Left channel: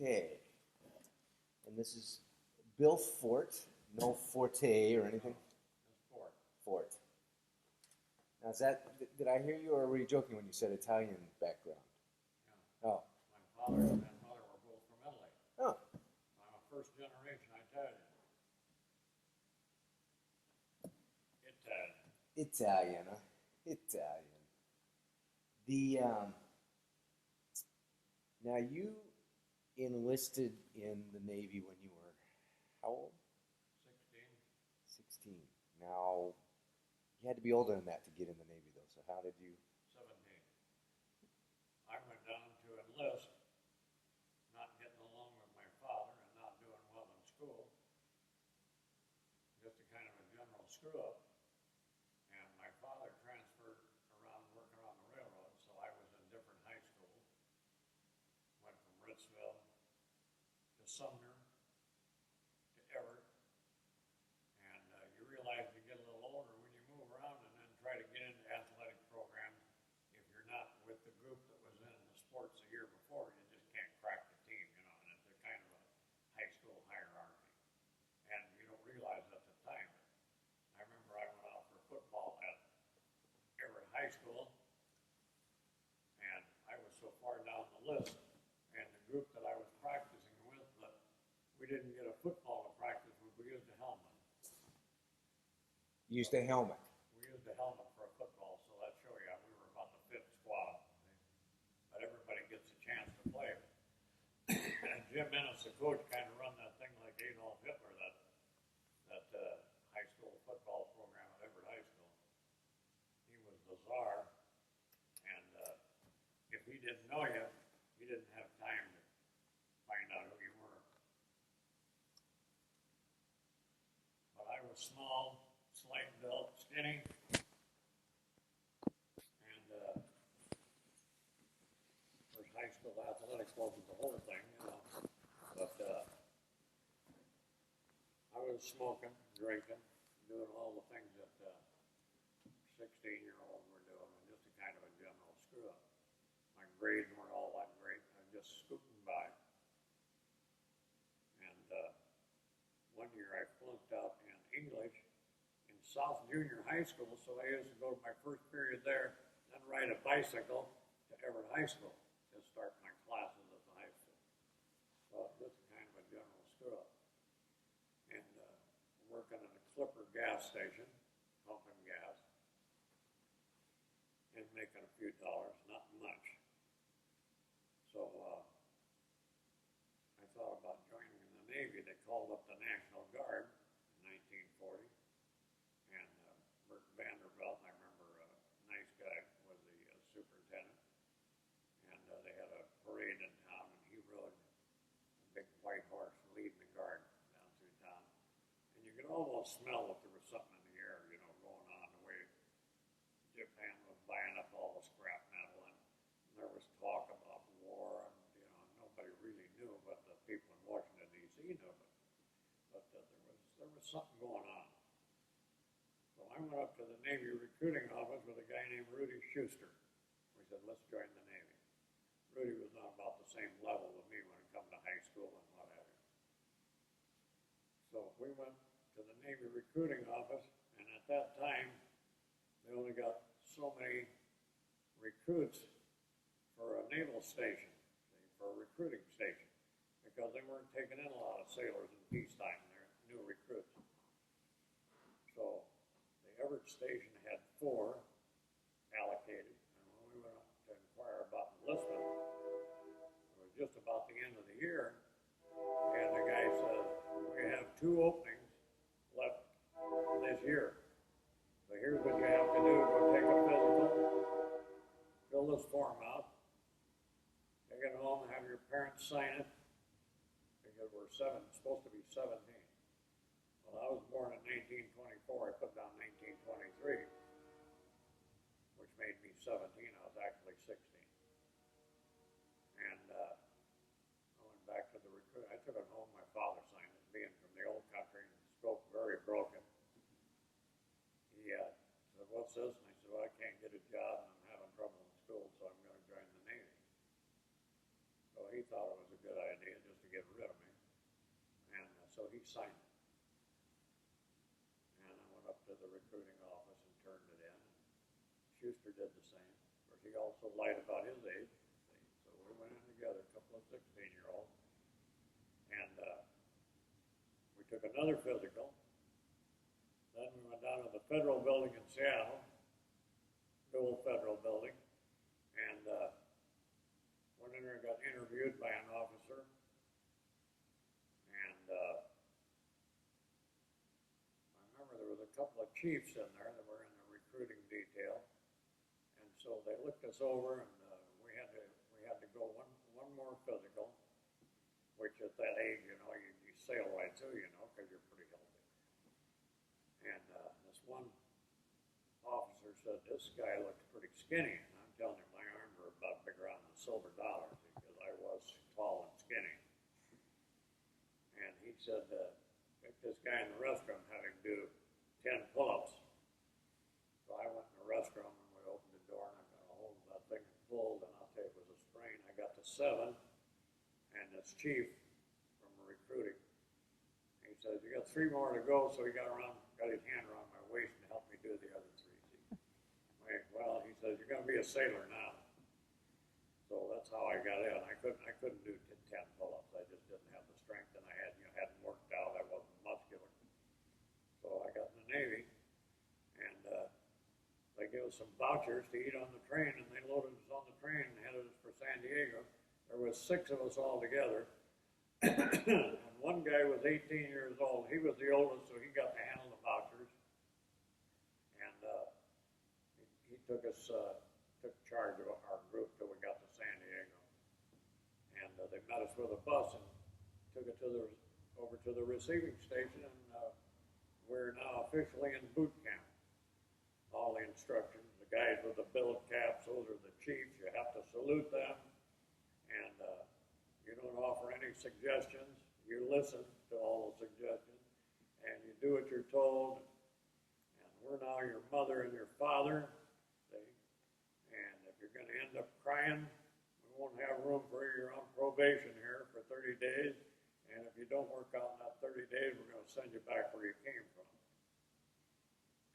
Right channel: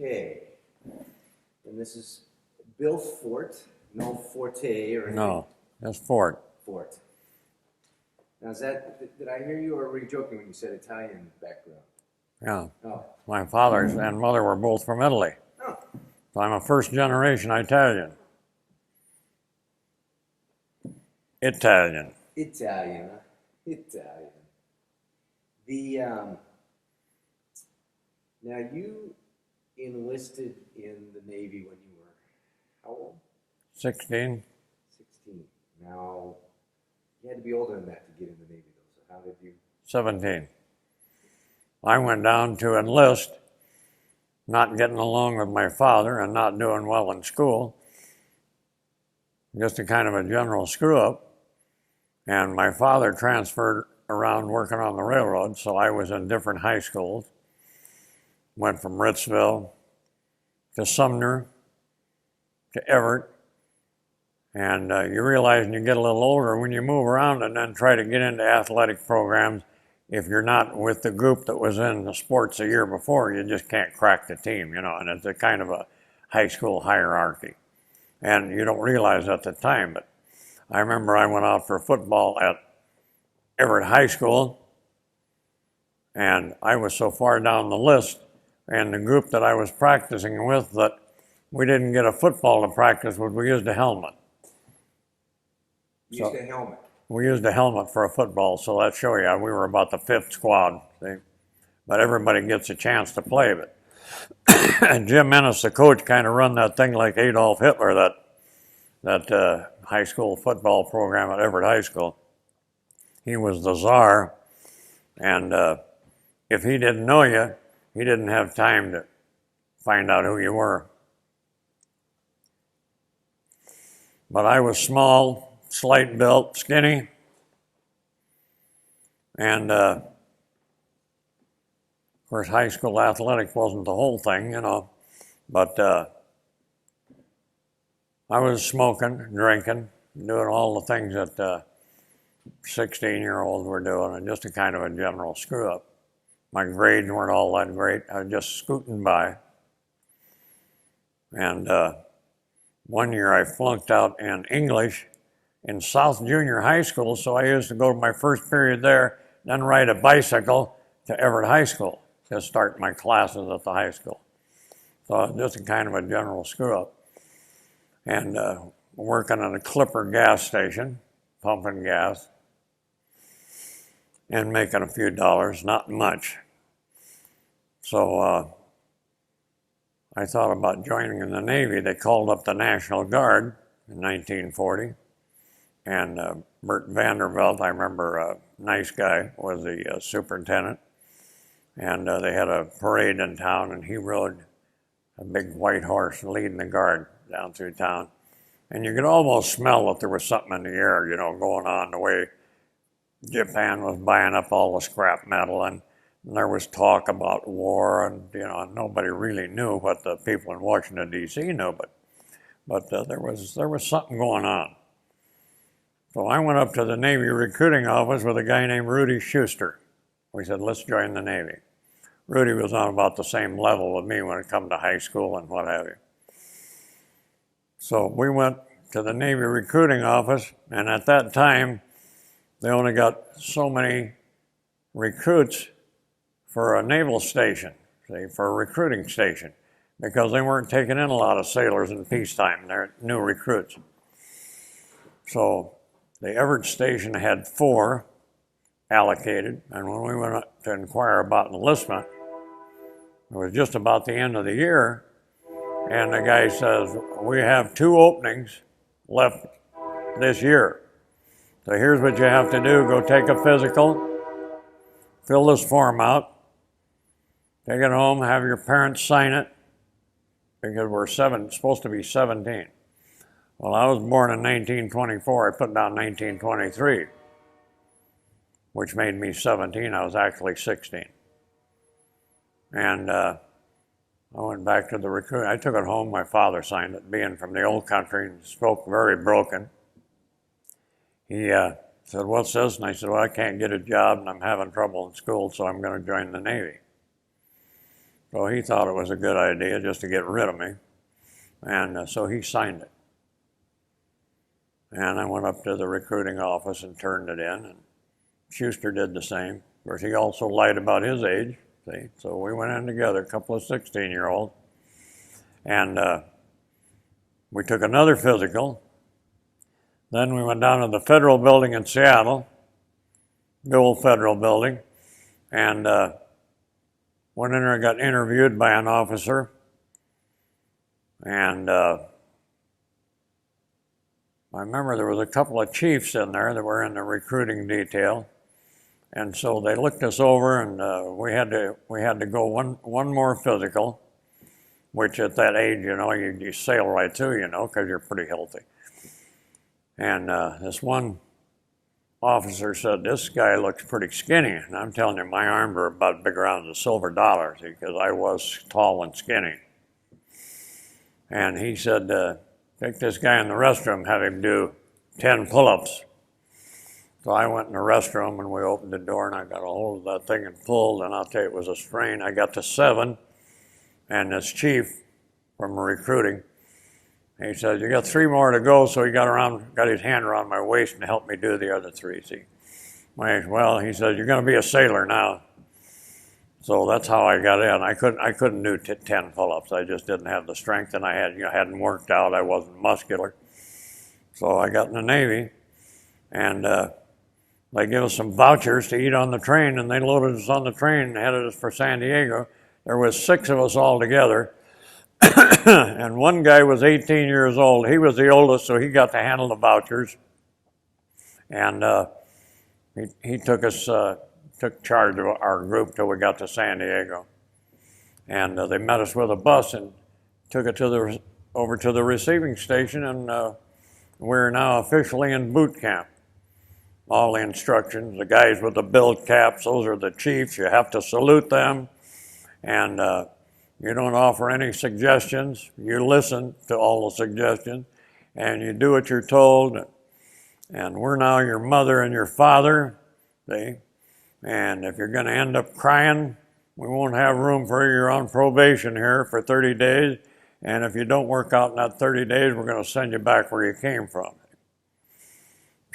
Okay. And this is Bill Forte, no Forte or anything? No, that's Forte. Forte. Now, is that, did I hear you or were you joking when you said Italian background? Yeah. Oh. My father and mother were both from Italy. Oh. So I'm a first generation Italian. Italian. Italian. Italian. The, now you enlisted in the Navy when you were how old? 16. 16. Now, you had to be older than that to get in the Navy, though. So how did you? 17. I went down to enlist, not getting along with my father and not doing well in school. Just a kind of a general screw-up. And my father transferred around working on the railroad, so I was in different high schools. Went from Ritzville to Sumner to Everett. And you realize when you get a little older, when you move around and then try to get into athletic programs, if you're not with the group that was in the sports a year before, you just can't crack the team, you know, and it's a kind of a high school hierarchy. And you don't realize at the time, but I remember I went out for football at Everett High School, and I was so far down the list, and the group that I was practicing with, that we didn't get a football to practice with, we used a helmet. You used a helmet? We used a helmet for a football, so that show you we were about the 5th squad. See? But everybody gets a chance to play. But and Jim Ennis, the coach, kind of run that thing like Adolf Hitler, that high school football program at Everett High School. He was the czar, and if he didn't know you, he didn't have time to find out who you were. But I was small, slight built, skinny, and of course high school athletics wasn't the whole thing, you know, but I was smoking, drinking, doing all the things that 16-year-olds were doing, and just a kind of a general screw-up. My grades weren't all that great. I was just scooting by. And one year I flunked out in English in South Junior High School, so I used to go to my first period there, then ride a bicycle to Everett High School to start my classes at the high school. So just a kind of a general screw-up. And working at a Clipper gas station, pumping gas, and making a few dollars, not much. So I thought about joining in the Navy. They called up the National Guard in 1940, and Bert Vanderbilt, I remember, a nice guy, was the superintendent, and they had a parade in town, and he rode a big white horse leading the guard down through town. And you could almost smell that there was something in the air, you know, going on, the way Japan was buying up all the scrap metal, and there was talk about war, and you know, nobody really knew what the people in Washington D.C. knew, but there was something going on. So I went up to the Navy recruiting office with a guy named Rudy Schuster. We said, let's join the Navy. Rudy was on about the same level with me when it come to high school and what have you. So we went to the Navy recruiting office, and at that time, they only got so many recruits for a naval station, see, for a recruiting station, because they weren't taking in a lot of sailors in peacetime. They're new recruits. So the Everett station had 4 allocated, and when we went up to inquire about enlistment, it was just about the end of the year, and the guy says, we have 2 openings left this year. So here's what you have to do. Go take a physical, fill this form out, take it home, have your parents sign it, because we're supposed to be 17. Well, I was born in 1924. I put down 1923, which made me 17. I was actually 16. And I went back to the recruit. I took it home. My father signed it, being from the old country and spoke very broken. He said, what's this? And I said, well, I can't get a job and I'm having trouble in school, so I'm going to join the Navy. So he thought it was a good idea just to get rid of me. And so he signed it. And I went up to the recruiting office and turned it in. And Schuster did the same. Of course, he also lied about his age. See? So we went in together, a couple of 16-year-olds. And we took another physical. Then we went down to the federal building in Seattle, the old federal building, and went in there and got interviewed by an officer. And I remember there was a couple of chiefs in there that were in the recruiting detail. And so they looked us over, and we had to go one more physical, which at that age, you know, you sail right through, you know, because you're pretty healthy. And this one officer said, "This guy looks pretty skinny." And I'm telling you, my arms were about as big around as silver dollars because I was tall and skinny. And he said, "Take this guy in the restroom, have him do 10 pull-ups." So I went in the restroom and we opened the door and I got a hold of that thing and pulled, and I'll tell you, it was a strain. I got to 7, and this chief from recruiting, he said, "You got 3 more to go." So he got his hand around my waist and helped me do the other 3. See, well, he said, "You're going to be a sailor now." So that's how I got in. I couldn't do 10 pull-ups. I just didn't have the strength, and I hadn't worked out. I wasn't muscular. So I got in the Navy, and they gave us some vouchers to eat on the train, and they loaded us on the train and headed us for San Diego. There was 6 of us all together, and one guy was 18 years old. He was the oldest, so he got to handle the vouchers, and he took charge of our group till we got to San Diego, and they met us with a bus and took it over to the receiving station, and we're now officially in boot camp. All the instructions, the guys with the build caps, those are the chiefs. You have to salute them, and you don't offer any suggestions. You listen to all the suggestions, and you do what you're told. And we're now your mother and your father, see? And if you're going to end up crying, we won't have room for you. You're on probation here for 30 days, and if you don't work out in that 30 days, we're going to send you back where you came from.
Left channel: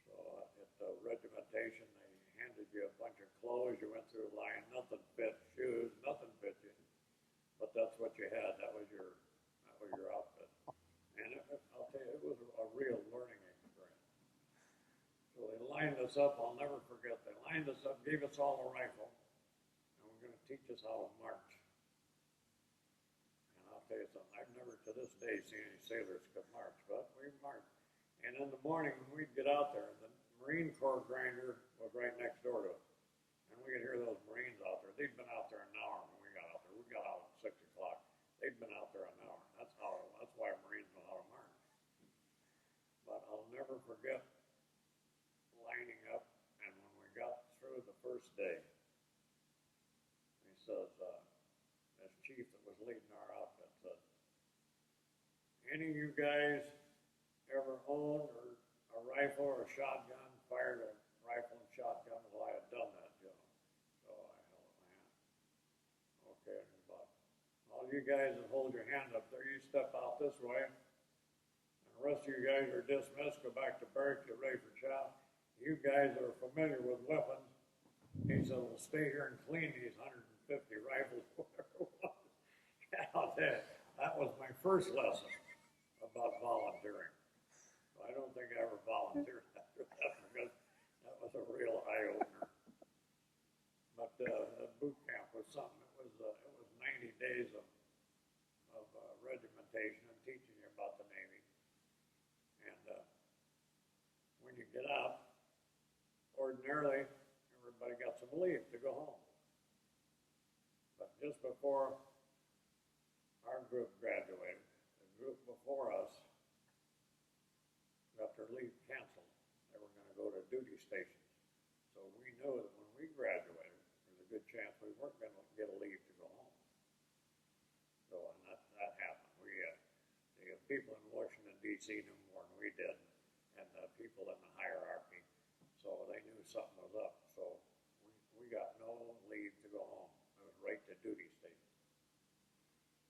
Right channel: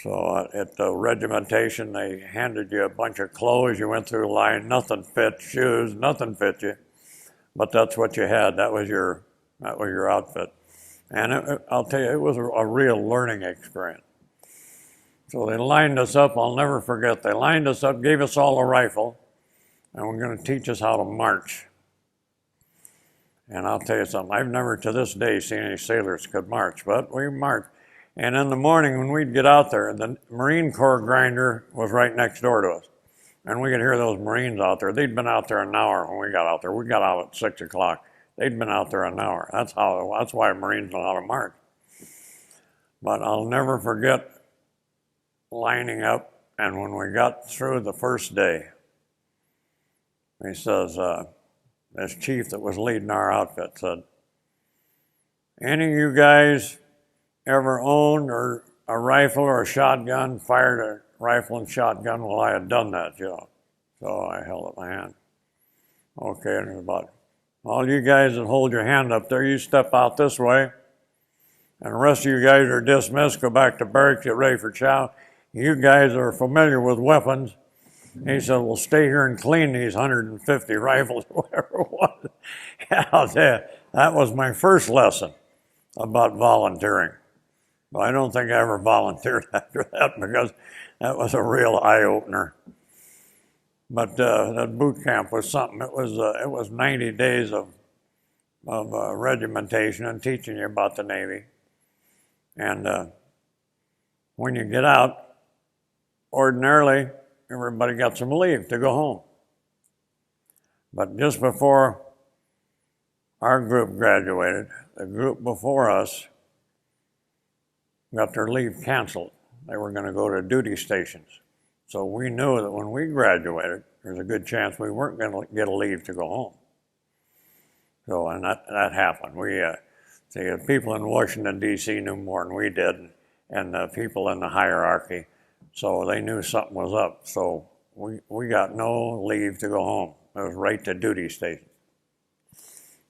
So at the regimentation, they handed you a bunch of clothes. You went through a line, nothing fit, shoes, nothing fit you. But that's what you had. That was your outfit. And I'll tell you, it was a real learning experience. So they lined us up. I'll never forget. They lined us up, gave us all a rifle, and were going to teach us how to march. And I'll tell you something. I've never to this day seen any sailors could march, but we marched. And in the morning when we'd get out there, the Marine Corps grinder was right next door to us. And we could hear those Marines out there. They'd been out there an hour when we got out there. We got out at 6 o'clock. They'd been out there an hour. That's why Marines know how to march. But I'll never forget lining up, and when we got through the first day, he says, this chief that was leading our outfit said, "Any of you guys ever owned or a rifle or a shotgun, fired a rifle and shotgun?" Well, I had done that, you know. So I held up my hand. Okay, and it was about, "All you guys that hold your hand up there, you step out this way. And the rest of you guys are dismissed, go back to barracks, get ready for chow. You guys are familiar with weapons." He said, "We'll stay here and clean these 150 rifles," or whatever it was. And I'll tell you, that was my first lesson about volunteering. But I don't think I ever volunteered after that because that was a real eye-opener. But that boot camp was something. It was 90 days of regimentation and teaching you about the Navy. And when you get out, ordinarily, everybody got some leave to go home. But just before our group graduated, the group before us got their leave canceled. They were going to go to duty stations. So we knew that when we graduated, there's a good chance we weren't going to get a leave to go home. So, and that happened. The people in Washington, D.C. knew more than we did, and the people in the hierarchy. So they knew something was up. So we got no leave to go home. It was right to duty station.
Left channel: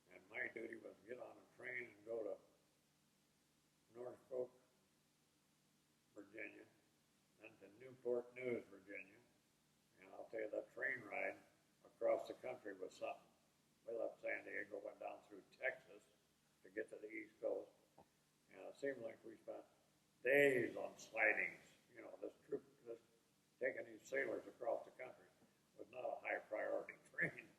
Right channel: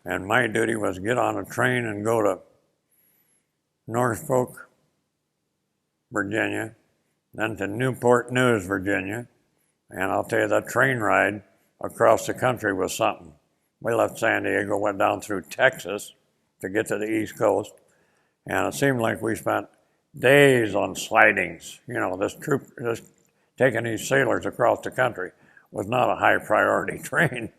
And my duty was to get on a train and go to Norfolk, Virginia, then to Newport News, Virginia. And I'll tell you, that train ride across the country was something. We left San Diego, went down through Texas to get to the East Coast, and it seemed like we spent days on slidings. You know, this taking these sailors across the country was not a high priority train.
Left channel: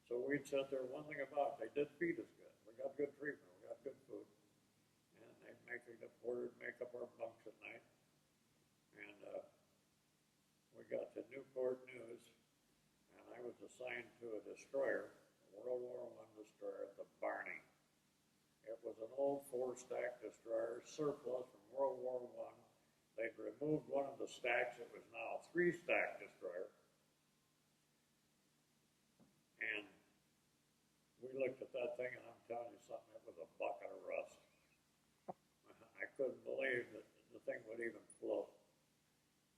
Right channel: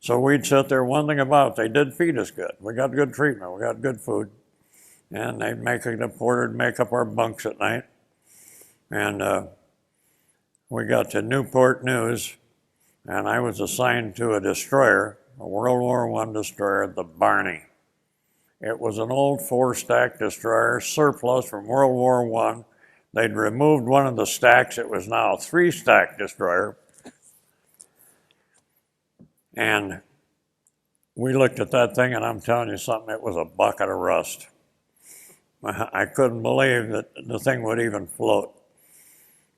So we'd sit there. One thing about it, they did feed us good. We got good treatment, we got good food, and the porter would make up our bunks at night. And we got to Newport News, and I was assigned to a destroyer, a World War I destroyer, the Barney. It was an old 4-stack destroyer, surplus from World War I. They'd removed one of the stacks. It was now a 3-stack destroyer. And we looked at that thing, and I'm telling you something, it was a bucket of rust. I couldn't believe that the thing would even float.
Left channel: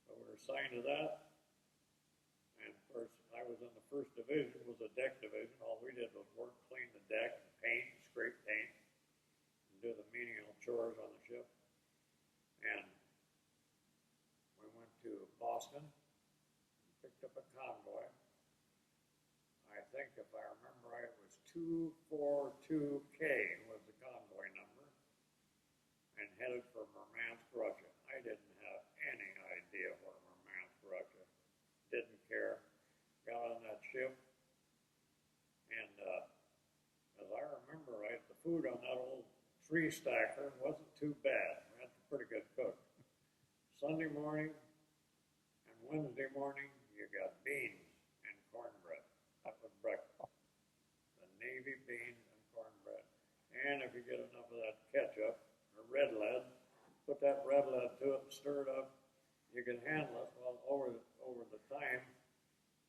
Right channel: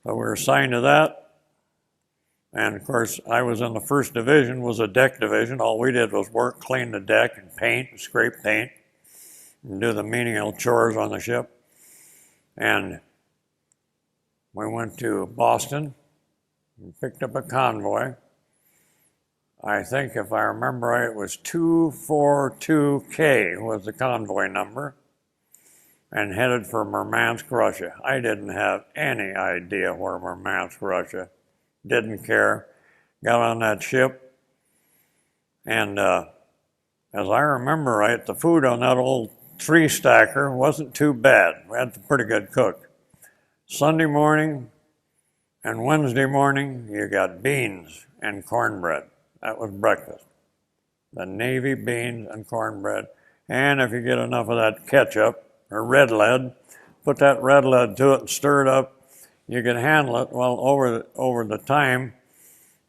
So we were assigned to that. And of course, I was in the 1st Division, was a deck division. All we did was work, clean the deck, and paint, and scrape paint, and do the menial chores on the ship. And we went to Boston and picked up a convoy. I think, if I remember right, it was 242K was the convoy number, and headed for Murmansk, Russia. I didn't have any idea where Murmansk, Russia. Didn't care. Got on that ship, and as I remember right, the food on that old 3-stacker wasn't too bad. We had a pretty good cook. Sunday morning and Wednesday morning, you got beans and cornbread. That was breakfast. The Navy beans and cornbread. And if you get enough of that ketchup or red lead, put that red lead to it and stir it up. You can handle it. Well, over the time,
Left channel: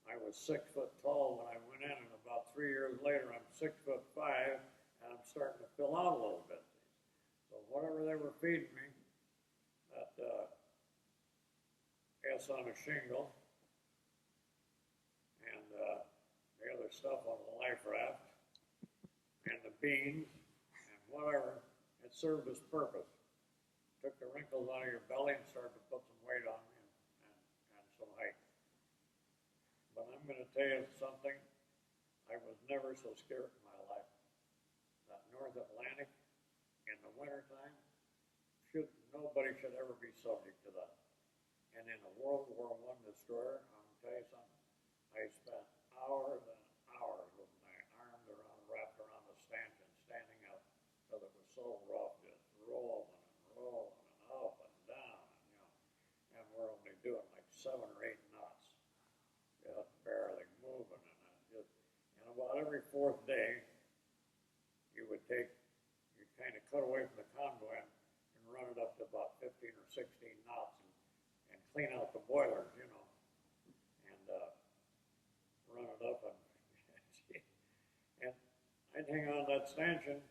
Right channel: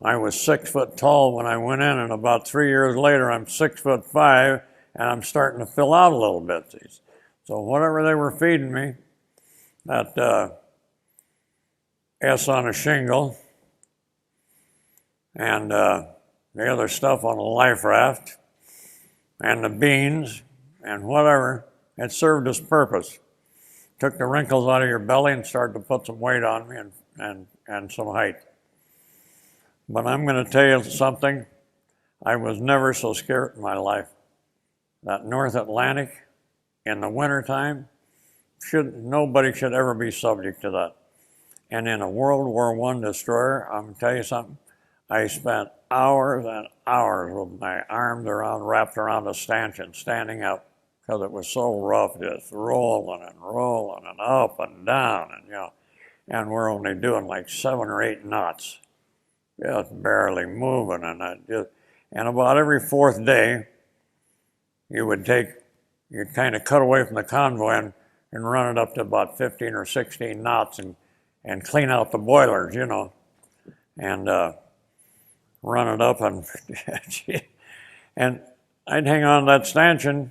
I was 6 foot tall when I went in, and about 3 years later, I'm 6'5", and I'm starting to fill out a little bit. So whatever they were feeding me, that S on a shingle, and the other stuff on a life raft, and the beans, and whatever, it served its purpose. Took the wrinkles out of your belly and started to put some weight on me and some height. But I'm going to tell you something. I was never so scared in my life. That North Atlantic in the wintertime, nobody should ever be subject to that. And in a World War I destroyer, I'm going to tell you something. I spent hours and hours with my arms wrapped around the stanchion, standing up, because it was so rough, just rolling and up and down, and we're only doing like 7 or 8 knots, just barely moving, and about every 4th day, you'd kind of cut away from the convoy and run it up to about 15 or 16 knots and clean out the boilers, and run it up and I'd hang on to that stanchion,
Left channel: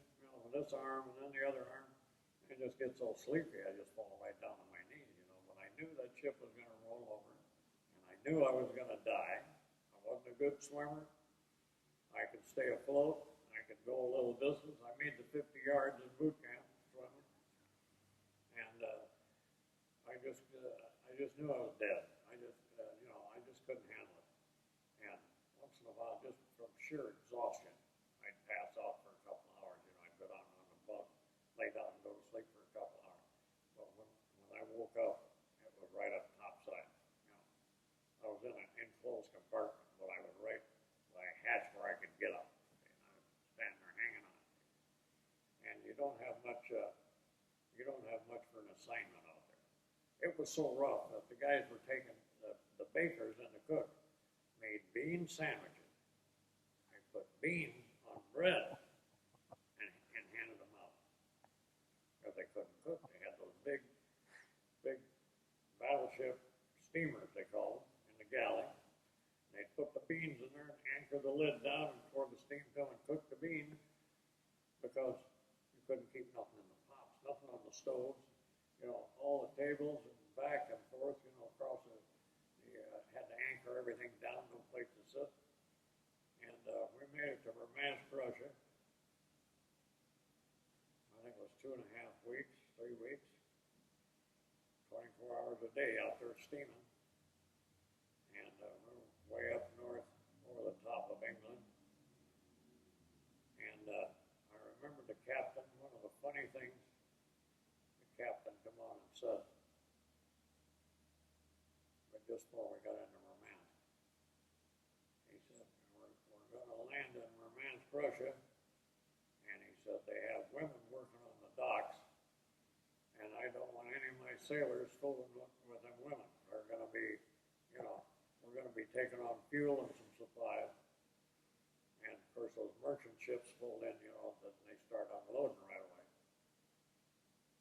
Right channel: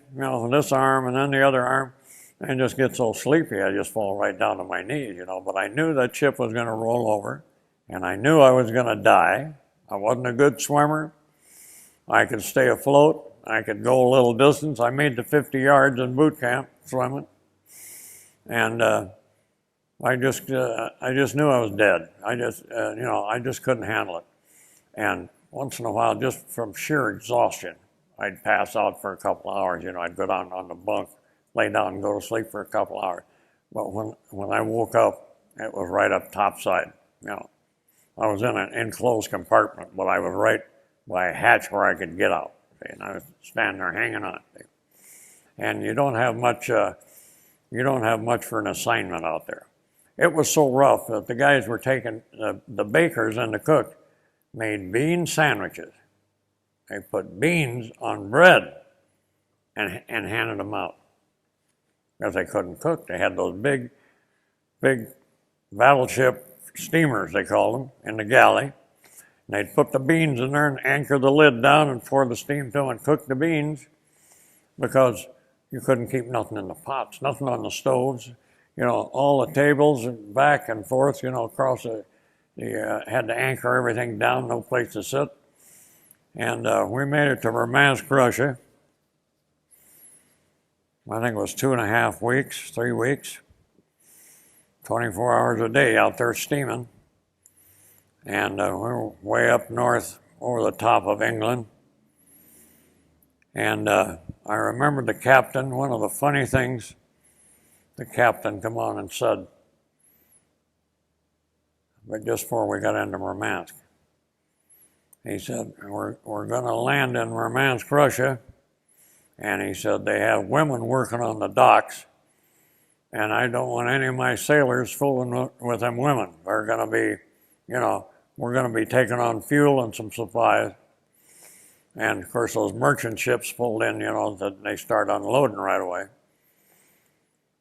this arm and then the other arm, and just get so sleepy I just fall right down to my knees, But I knew that ship was going to roll over, and I knew I was going to die. I wasn't a good swimmer. I could stay afloat. I could go a little distance. I made the 50 yards in boot camp swimming, and I just knew I was dead. I just couldn't handle it. And once in a while, just from sheer exhaustion, I'd pass out for a couple of hours. I'd go down on the bunk, lay down and go to sleep for a couple of hours. But when I woke up, it was right up topside. I was in an enclosed compartment, but I was right by a hatch where I could get out. And I was standing there hanging on. And you don't have much for an assignment out there. It was so rough that the guys were taking, the bakers and the cook made bean sandwiches. They put beans on bread and handed them out because they couldn't cook. They had those big battleship steamers, they called them, in the galley. And they'd put the beans in there and anchor the lid down and pour the steam to them and cook the beans because you couldn't keep nothing in the pots, nothing on the stoves. All the tables and back and forth, across you had to anchor everything down, no place to sit. And we made it to Murmansk, Russia, I think it was 2.5 weeks, 3 weeks, 24 hours a day out there steaming. And we were way up north over the top of England. And I remember the captain, one of the funny things, the captain come on and said, but just before we got into Murmansk, he said, we're going to land in Murmansk, Russia. And he said, they have women working on the docks, and I don't want any of my sailors fooling with them women. They're going to be, you know, we're going to be taking on fuel and some supplies. And of course, those merchant ships pulled in, you know, that they start unloading right away.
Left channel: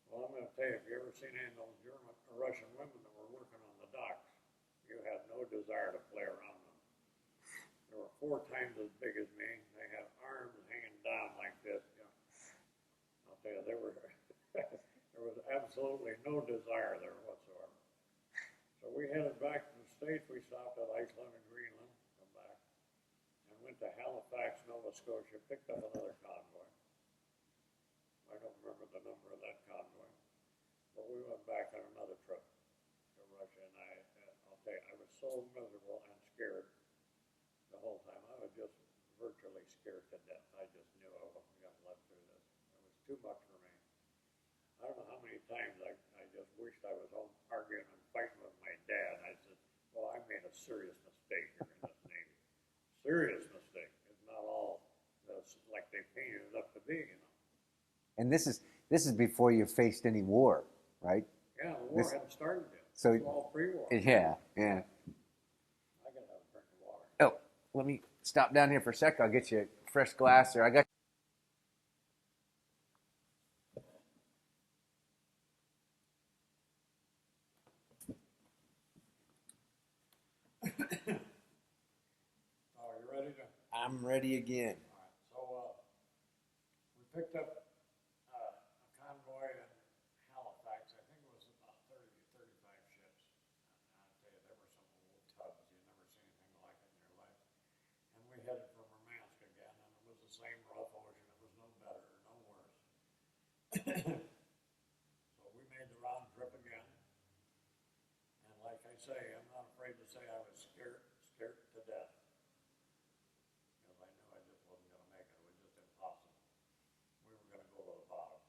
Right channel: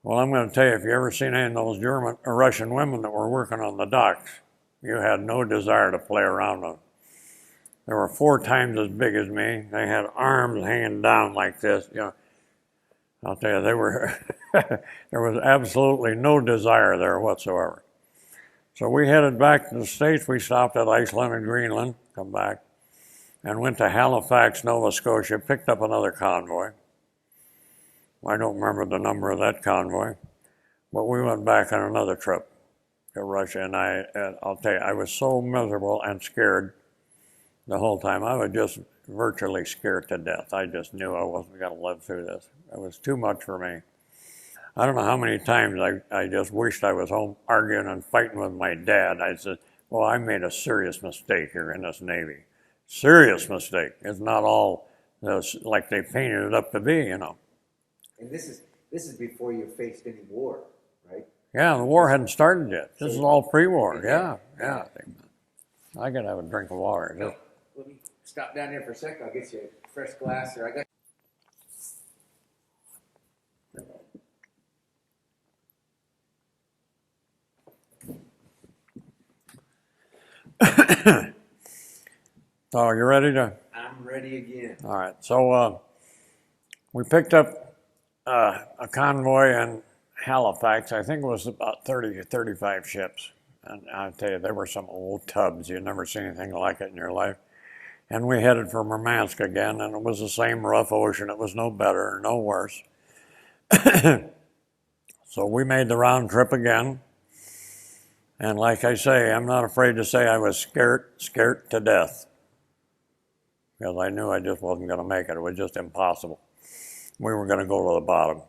Well, I'm going to tell you, if you ever seen any of those German or Russian women that were working on the docks, you had no desire to play around them. They were 4 times as big as me. They had arms hanging down like this. You know, I'll tell you, they were. There was absolutely no desire there whatsoever. So we headed back to the States. We stopped at Iceland and Greenland, come back, and went to Halifax, Nova Scotia, picked up another convoy. I don't remember the number of that convoy, but we went back on another trip to Russia, and I'll tell you, I was so miserable and scared the whole time. I was just virtually scared to death. I just knew I wasn't going to live through this. It was too much for me. I don't know how many times I just wished I was home arguing and fighting with my dad. I said, well, I made a serious mistake here in this Navy. Serious mistake. It's not all like they painted it up to be, you know. And this is before you faced any war, right? Yeah, the war hadn't started yet. This is all pre-war. Yeah. I gotta have a drink of water. Oh, let me stop down here for a sec. I'll get you a fresh glass, or I got. So you ready to? I'm ready again. All right. So we picked up a convoy in Halifax. I think it was about 30 or 35 ships. And I'll tell you, there were some old tubs. You'd never seen anything like it in your life. And we headed for Murmansk again, and it was the same rough ocean. It was no better, no worse. So we made the round trip again. And like I say, I'm not afraid to say I was scared to death, because I knew I just wasn't going to make it. It was just impossible. We were going to go to the bottom.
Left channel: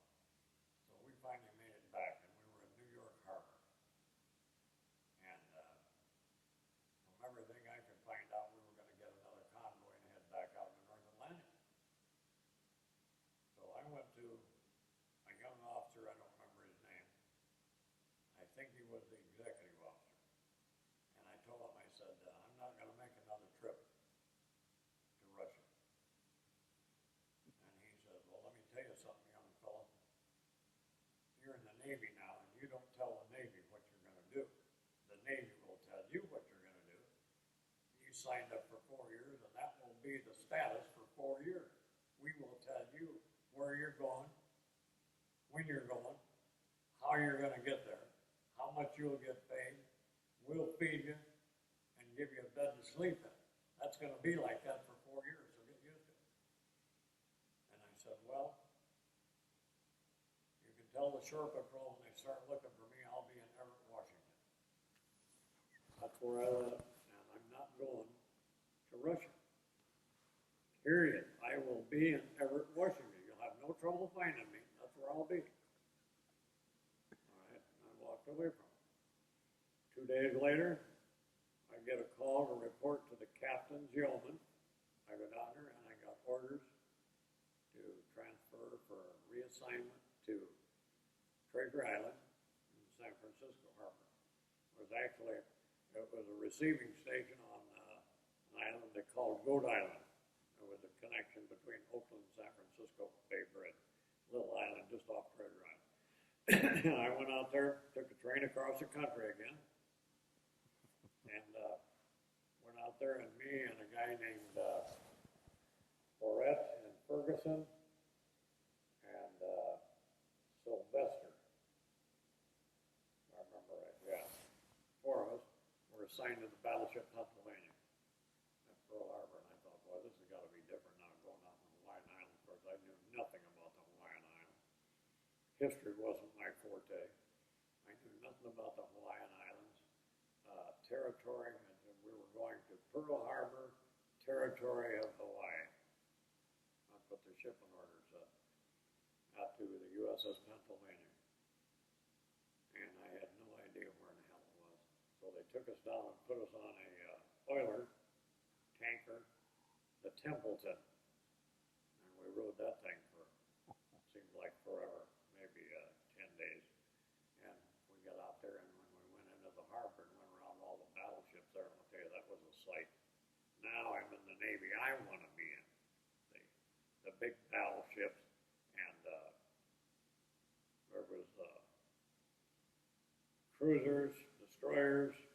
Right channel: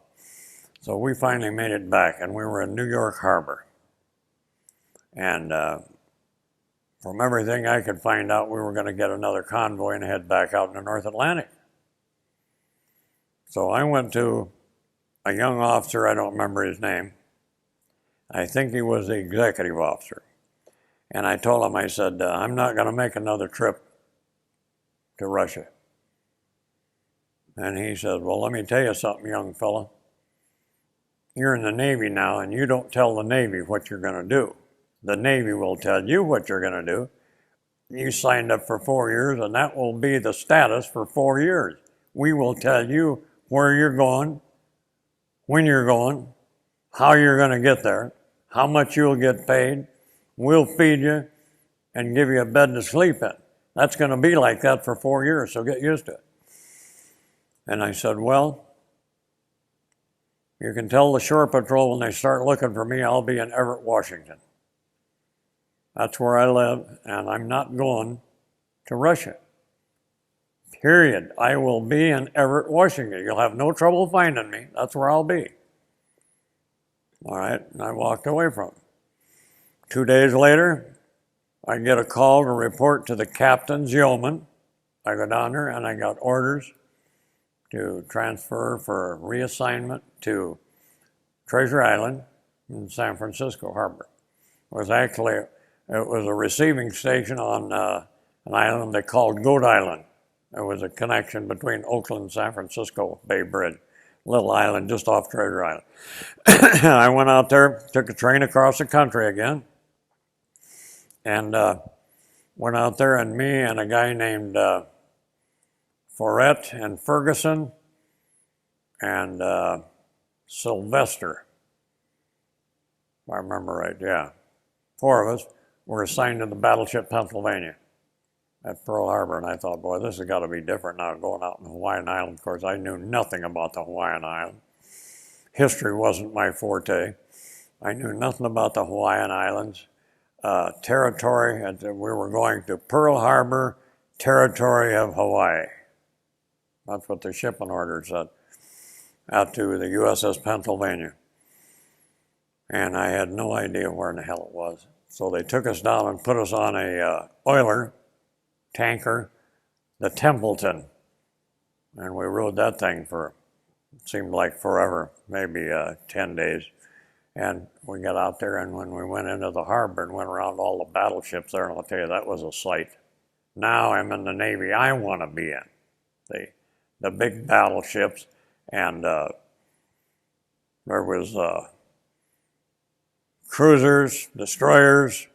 So we finally made it back, and we were in New York Harbor. And from everything I could find out, we were going to get another convoy and head back out in the North Atlantic. So I went to a young officer, I don't remember his name. I think he was the executive officer. And I told him, I said, I'm not going to make another trip to Russia. And he said, well, let me tell you something, young fella. You're in the Navy now, and you don't tell the Navy what you're going to do. The Navy will tell you what you're going to do. You signed up for 4 years, and that will be the status for 4 years. We will tell you where you're going, when you're going, how you're going to get there, how much you'll get paid. We'll feed you and give you a bed to sleep in. That's going to be like that for 4 years, so get used to it. And I said, well, you can tell the shore patrol when they start looking for me, I'll be in Everett, Washington. That's where I live, and I'm not going to Russia. Period. I will be in Everett, Washington. You'll have no trouble finding me. That's where I'll be. All right, and I walked away from him. 2 days later, I get a call to report to the captain's yeoman. I go down there, and I got orders to transfer for reassignment to Treasure Island in San Francisco Harbor. It was a receiving station on an island they called Goat Island. It was a connection between Oakland and San Francisco Bay Bridge, little island just off Treasure Island. I went out there, took a train across the country again, and went out there, and me and a guy named Forte and Ferguson and Sylvester, if I remember right, yeah. 4 of us were assigned to the battleship Pennsylvania at Pearl Harbor, and I thought, boy, this has got to be different now, going out in the Hawaiian Islands. Of course, I knew nothing about the Hawaiian Islands. history wasn't my forte. I knew nothing about the Hawaiian Islands. Territory, we were going to Pearl Harbor, territory of Hawaii. That's what the shipping order said, out to the USS Pennsylvania. And I had no idea where in the hell it was. So they took us down and put us on a oiler tanker, the Templeton. And we rode that thing for, it seemed like forever, maybe 10 days. And we got out there, and when we went into the harbor and went around all the battleships there, and I'll tell you, that was a sight. Now I'm in the Navy I want to be in, the big battleships, and there was cruisers, destroyers,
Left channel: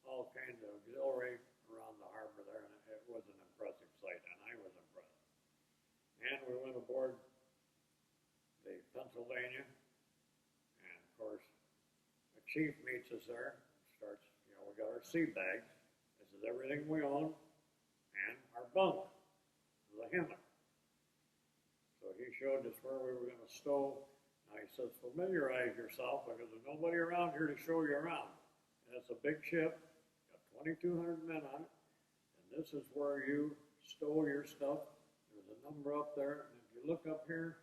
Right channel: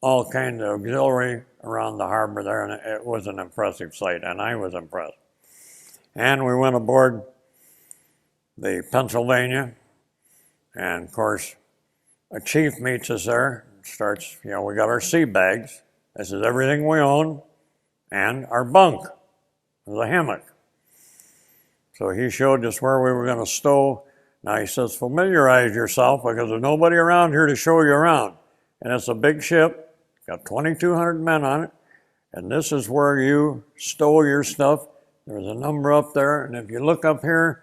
all kinds of auxiliary around the harbor there, and it was an impressive sight, and I was impressed. And we went aboard the Pennsylvania, and of course, a chief meets us there, starts, we got our sea bags. This is everything we own, and our bunk. There's a hammock. So he showed us where we were going to stow. Now he says, familiarize yourself because there's nobody around here to show you around. And it's a big ship, got 2,200 men on it, and this is where you stow your stuff. There's a number up there, and if you look up here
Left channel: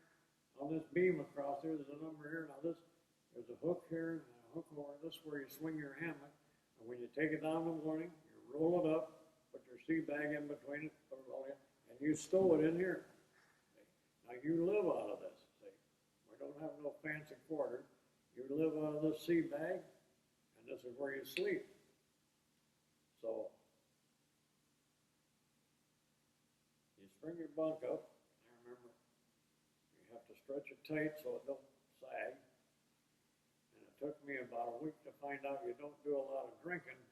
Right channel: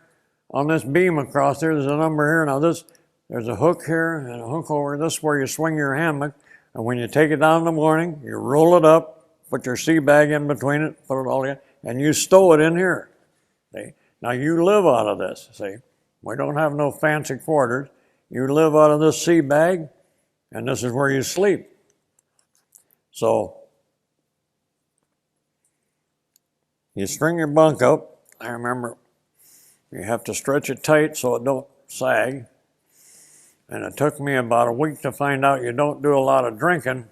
on this beam across there, there's a number here. Now there's a hook here and a hook over. This is where you swing your hammock, and when you take it down in the morning, you roll it up, put your sea bag in between it, put it all in, and you stow it in here. See? Now you live out of this, see. We don't have no fancy quarters. You live out of this sea bag, and this is where you sleep. So you string your bunk up. I remember you have to stretch it tight so it don't sag. And it took me about a week to find out you don't do a lot of drinking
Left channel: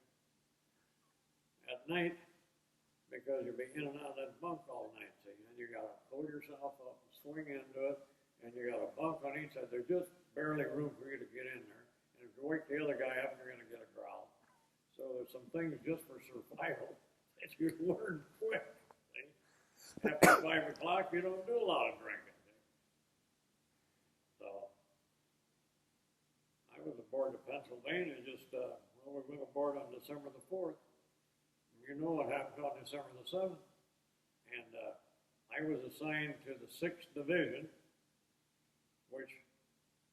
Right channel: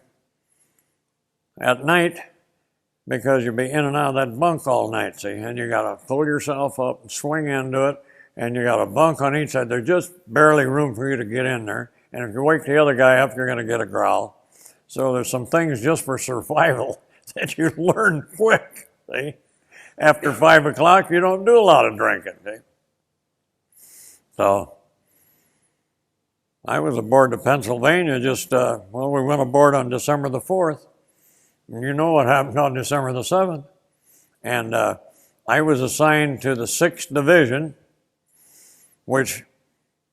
at night because you'll be in and out of that bunk all night, see? And you gotta pull yourself up and swing into it, and you got a bunk on each side. There's just barely room for you to get in there. And if you wake the other guy up, you're gonna get a growl. So there's some things just for survival that you learn quick, see? After 5 o'clock, you don't do a lot of drinking, see? So I was aboard the Pennsylvania we went aboard on December the 4th. And you know what happened on December the 7th. And I was assigned to the 6th Division, which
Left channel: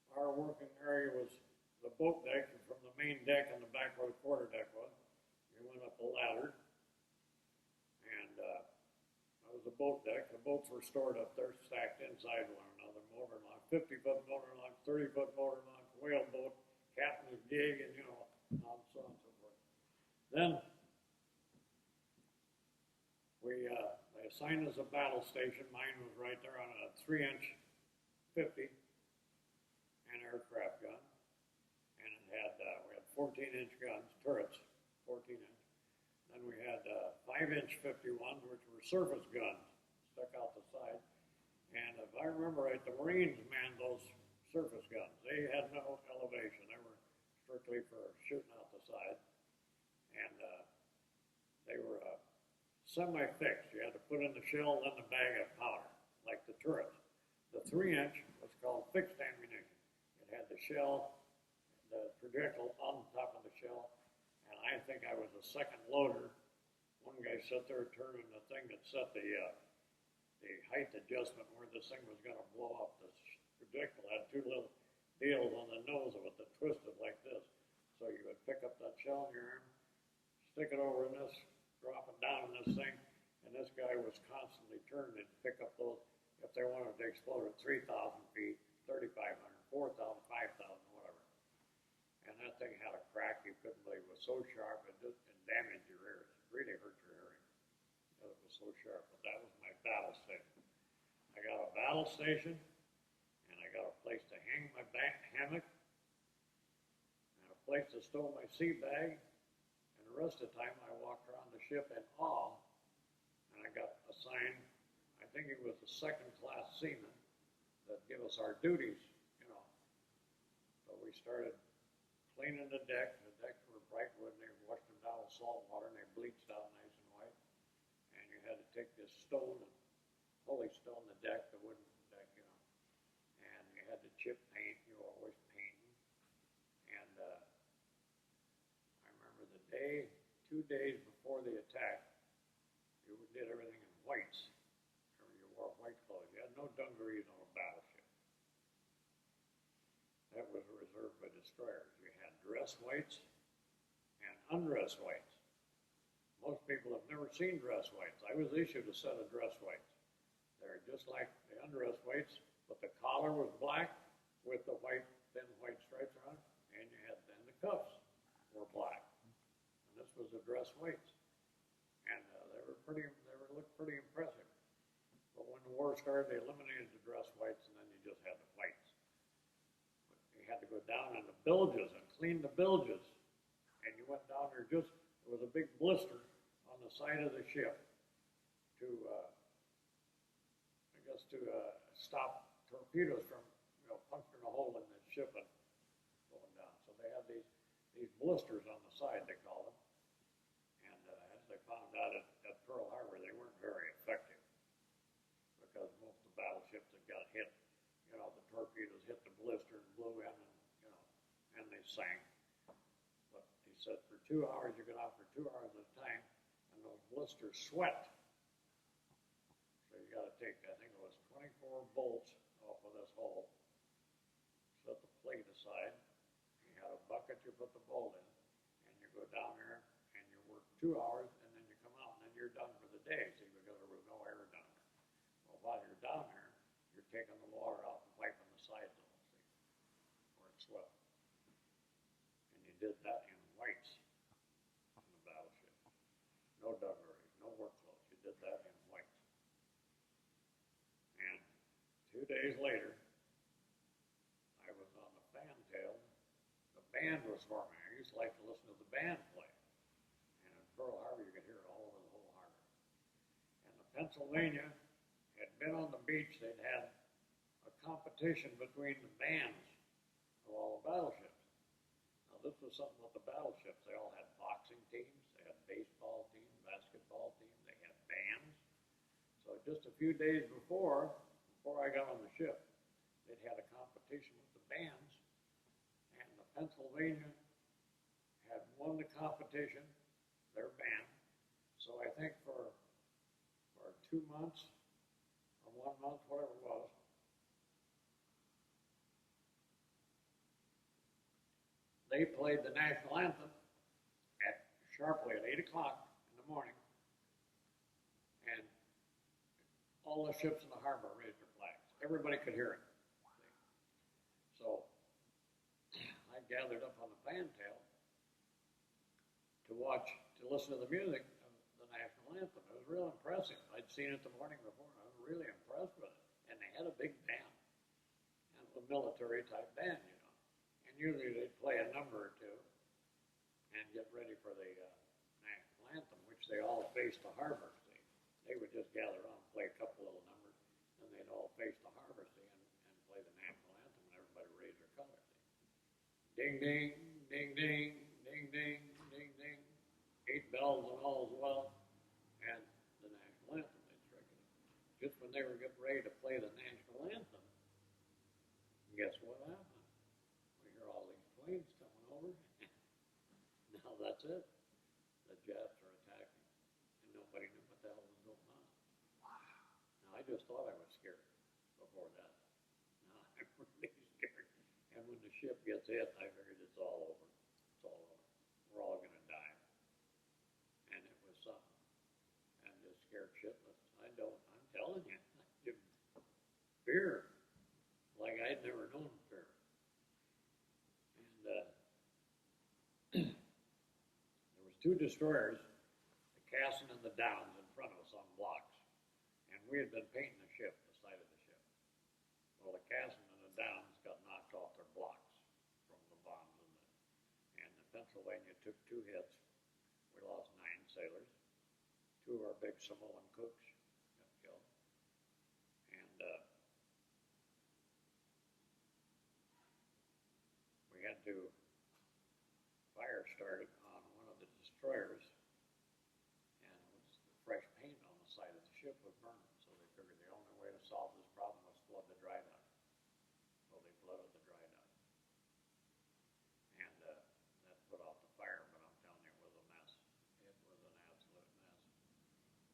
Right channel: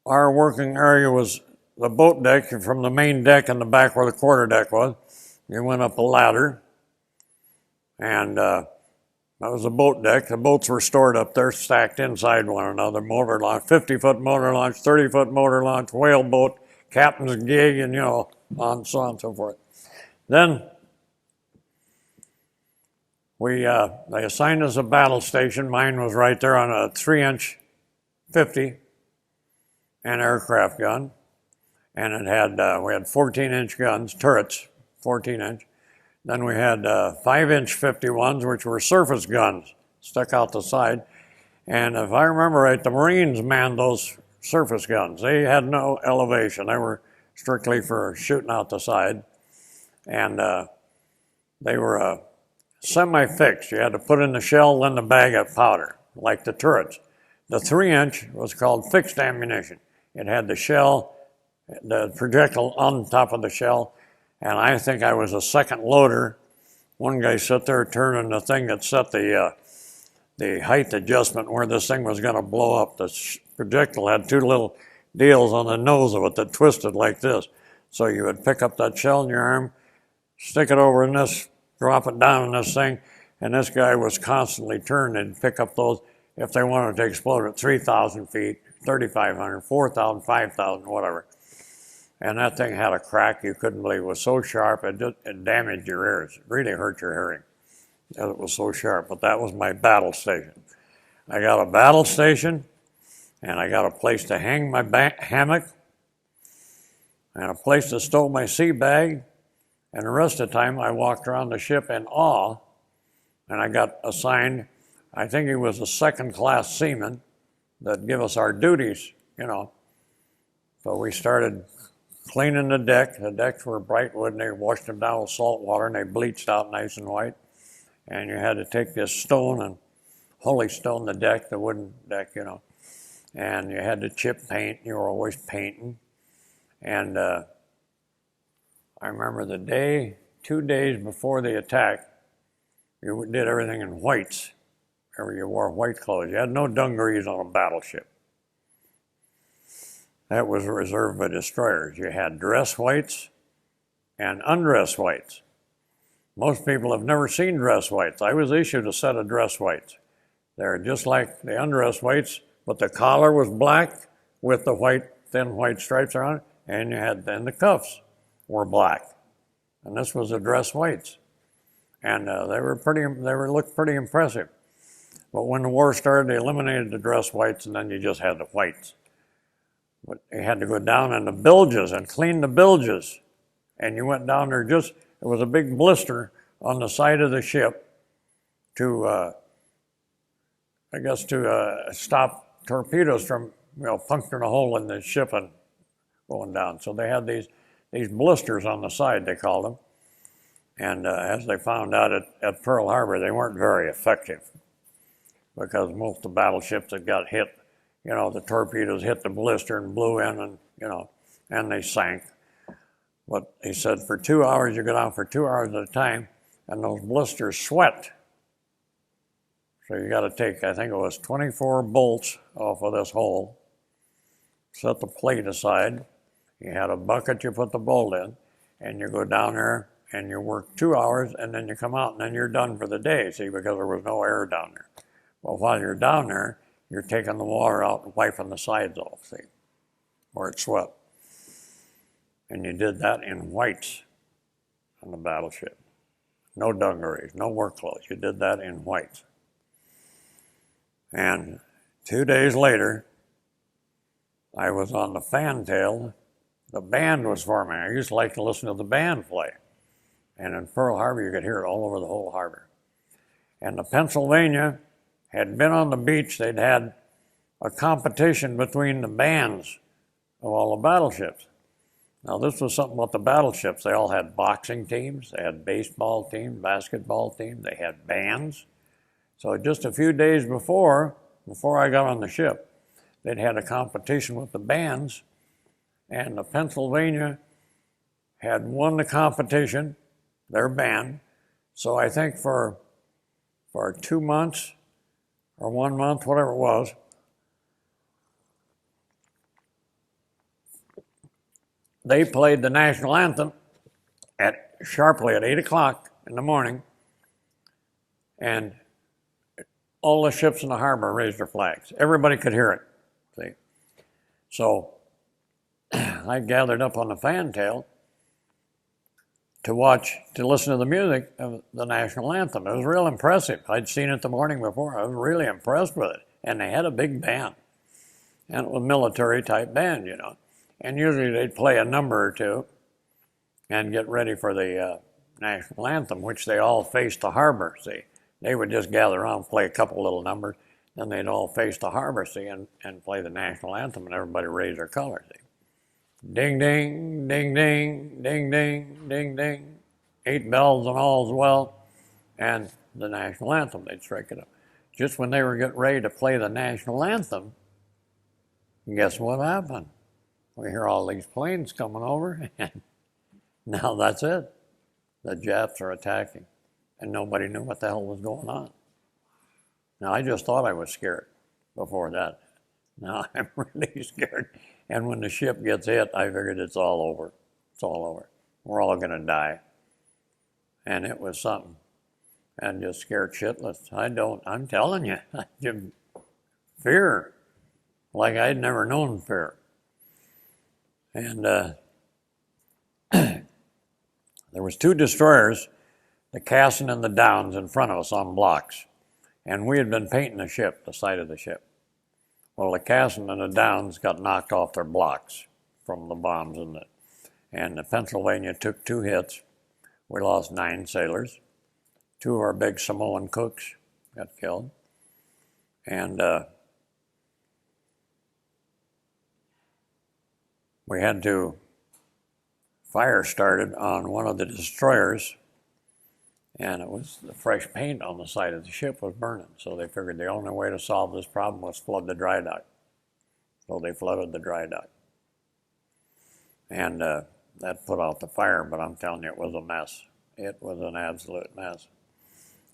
our working area was the boat deck from the main deck in the back where the quarter deck was. You went up a ladder, and that was the boat deck. The boats were stored up there, stacked inside one another. Motor launch, 50-foot motor launch, 30-foot motor launch, whale boat, captain's gig, and on so on and so forth. Then they assigned us a battle station. Mine was right there on a 3-inch 50 aircraft gun, and it had we had 14-inch guns, turrets, 14-inch. Then we had 5-inch 51s, which were surface guns, stuck out the side. And if I remember right, the Marines manned those surface guns. They had no elevation. They were strictly for shooting out the side. And they were semi-fixed. You had to put in the shell, then the bag of powder, like the turrets. The 3-inch was called fixed ammunition. It had the shell, the projectile on top of the shell, and I think I was a second loader. One guy sat there turning the thing that set the height adjustment where this thing was going to blow up. The projectile had 2 little deals on the nose of it that twisted like this. So you would pick up that shell in your arm, stick it over in this, drop it down in this thing, and this guy was constantly turning and pick up those if they wanted to explode at 3,000 feet, 3,500, 4,000, 5,000, whatever. And that thing had a crack you couldn't believe. It was so sharp, it damaged your ears. It really hurt your hearing. It was so sharp, but that was my battle station. I got a battle station, and I got a place to hang my hammock, and a place to stow my sea bag, and the rest of the time I walked around the ship in awe, and I got assigned, I think he was a second-class seaman that give us our duties, So we started cleaning the deck. The decks were bright wood, and they washed them down with salt water, and they bleached out nice and white. And you had to take this stone and holy stone the deck, the wooden deck, and you had to chip paint. You were always painting. And I remember the day, 2 days before the attack, you did everything in whites. You wore white clothes. You had no dungarees on a battleship. That was reserved by destroyers. You had dress whites and undress whites. Most people have never seen dress whites. I was issued a set of dress whites. They're just like the undress whites, but the collar was black with the white, thin white stripes around it, and you had then the cuffs were black. And this was the dress whites. And they looked pretty impressive. But when the war started, they eliminated the dress whites, and then you just had the whites. But you had to go down in the bilges and clean the bilges. And you went down there it was a big blister on the side of the ship to, stop torpedoes from, puncturing a hole in the ship and going down. So they had these blisters on the side, they called them. And as they found out at Pearl Harbor, they weren't very effective because most of the battleships that got hit, the torpedoes hit the blister and blew in and, and they sank. But he said for 2 hours, you go down for 2 hours at a time, and those blisters sweat. So you got to take, I think it was 24 bolts off of this hole, set the plate aside. You had a bucket you put the bolt in, and you go down there and you work 2 hours, and then you come out, and then you're done for the day, see, because there was no air down there. Well, while you're down there, you're taking the water out and wiping the sides off, see, where it sweat. And you did that in whites on the battleship. No dungarees, no work clothes. You did that in whites. And 2 days later, I was on the fantail. The band was forming. I used to like to listen to the band play. And in Pearl Harbor, you could hear it all over the whole harbor. And the Pennsylvania had been on the beach. They'd had a competition between the bands of all the battleships. Now, this was something about the battleships. They all had boxing teams, they had baseball teams, basketball teams, they had bands. So just a few days before I got on the ship, they'd had a competition with the bands, and the Pennsylvania had won the competition, their band. So I think for 2 months or 1 month, whatever it was, they played the national anthem sharply at 8 o'clock in the morning, and all the ships in the harbor raised their flags. Everybody could hear it, see. So I gathered up on the fantail to listen to the music of the national anthem. It was real impressive. I'd seen it the morning before. I was really impressed with it. And they had a big band, and it was a military type band, And usually they'd play a number or two and get ready for the national anthem, which they all faced the harbor, see. They would just gather around, play a couple little numbers, then they'd all face the harbor, see, and play the national anthem, and everybody raised their colors, see. Ding, ding, ding, ding, ding, ding, ding, ding. 8 bells and all's well, and the national anthem, they'd strike it up. Just when they were getting ready to play the national anthem, guess what happened? We hear all these planes coming over, and now that's it. The Japs are attacking, and nobody knew what the hell was going on. Now, I just thought I was scared before that. Now I'm really scared. And when the ship gets hit, I figured it's all over. It's all over. We're all going to die. And it was something. And just scared shitless. I'm telling you, fear, like I'd never known fear. And there was 2 destroyers, the Cassin and the Downs, in front of us on blocks. And we had been painting the ship, the side of the ship. Well, the Cassin and the Downs got knocked off their blocks from the bombs, and the Pennsylvania took 2 hits. We lost 9 sailors. 2 of our big Samoan cooks got killed. And we had to fire started on one of the destroyers, and it was the fresh paint on the side of the ship was burning. So they figured the only way to solve this problem was flood the dry dock. So they flooded the dry dock. And that put out the fire, but I'm telling you, it was a mess. It was an absolute mess.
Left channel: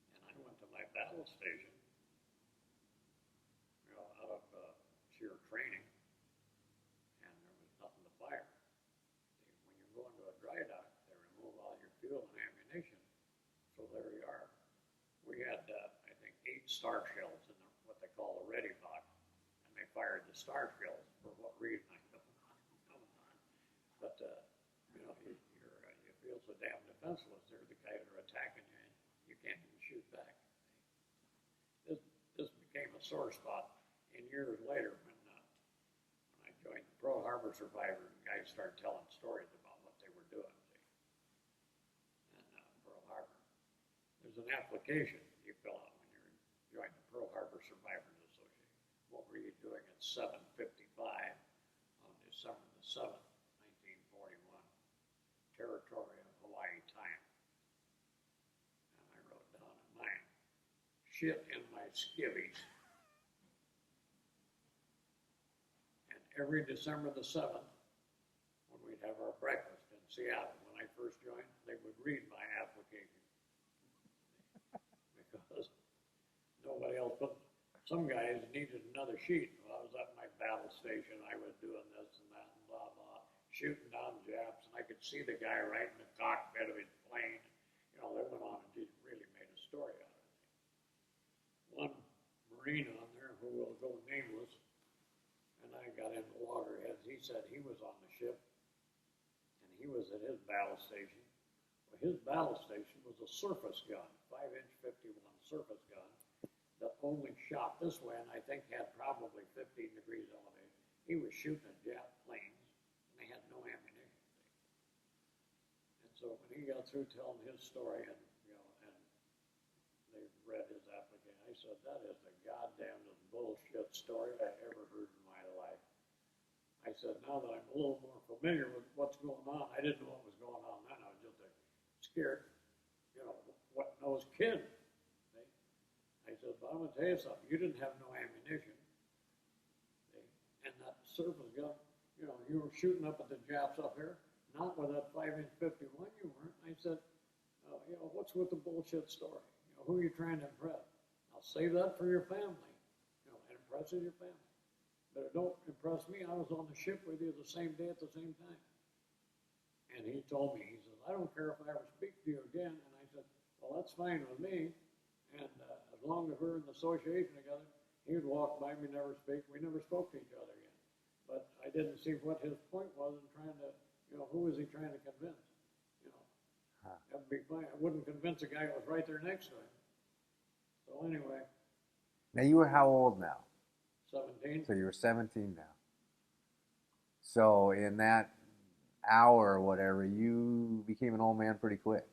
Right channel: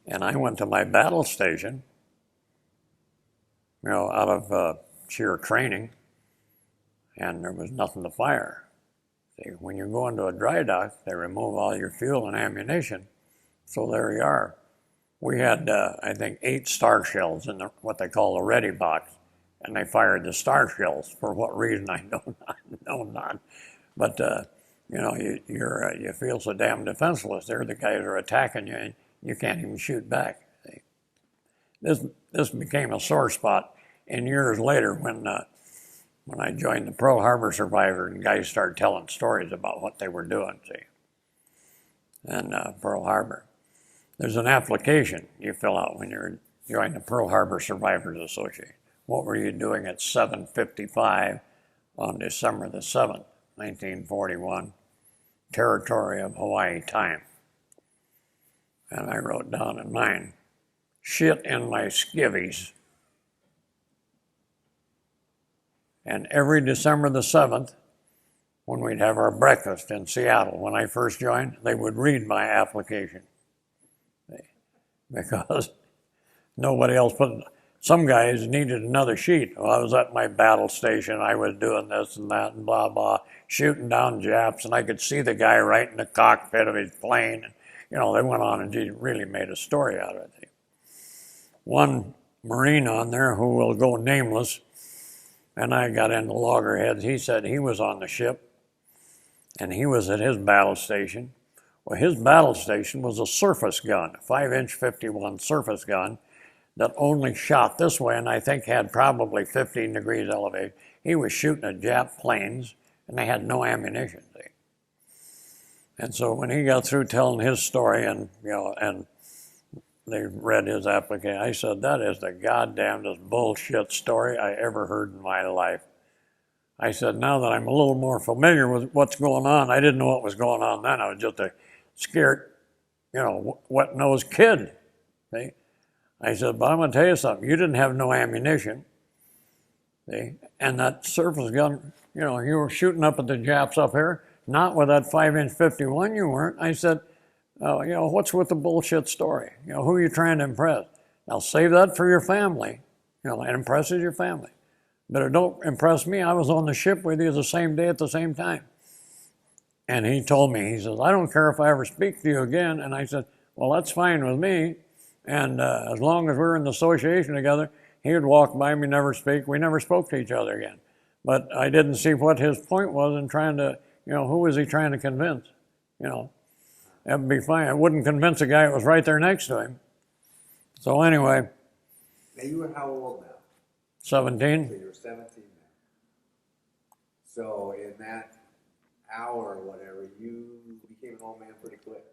And I went to my battle station, out of sheer training, and there was nothing to fire. See, when you go into a dry dock, they remove all your fuel and ammunition. So there you are. We had, I think, 8 star shells in what they call the ready box, and they fired the star shells. For what reason, I know not. But you feel so damn defenseless. There, the guys are attacking you, and you can't even shoot back. See? This became a sore spot. And years later, when I joined the Pearl Harbor survivors, and guys started telling stories about what they were doing, see, and Pearl Harbor. There's an application you fill out when you're joining the Pearl Harbor Survivors Association. What were you doing at 7:55 on December the 7th, 1941, territory of Hawaii time? And I wrote down in mine, shit in my skivvies. And every December the 7th, when we'd have our breakfast in Seattle, when I first joined, they would read my application. Because nobody else put it. Some guys needed another sheet. Well, I was at my battle station, I was doing this and that and blah, blah, shooting down Japs, and I could see the guy right in the cockpit of his plane. And, they went on and really made a story out of it. One Marine on there who will go nameless, and I got into loggerheads, he said he was on the ship, and he was at his battle station. Well, his battle station was a surface gun, a 5-inch 51 surface gun that only shot this way, and I think had probably 15 degrees elevation. He was shooting at Jap planes, and they had no ammunition. See? And so when he got through telling his story, and they read his application, I said, that is the goddamnedest bullshit story I ever heard in my life. I said, now that I'm a little more familiar with what's going on, I didn't know what was going on then. I was just a scared, wet-nosed kid. See? I said, but I'm going to tell you something. You didn't have no ammunition. See? And that surface gun, you were shooting up at the Japs up here, not with that 5-inch 51 you weren't. I said, what's with the bullshit story? Who are you trying to impress? Now save that for your family. It impresses your family. But it don't impress me. I was on the ship with you the same day at the same time. And he told me, he says, I don't care if I ever speak to you again. And I said, well, that's fine with me. And as long as we're in the association together, he would walk by me, never speak. We never spoke to each other again. But I didn't see what his point was in trying to, who was he trying to convince? That'd be fine. I wouldn't convince a guy that was right there next to him. So anyway. Now you were how old now? 17. So you're 17 now. So in that hour or whatever, you became an old man pretty quick,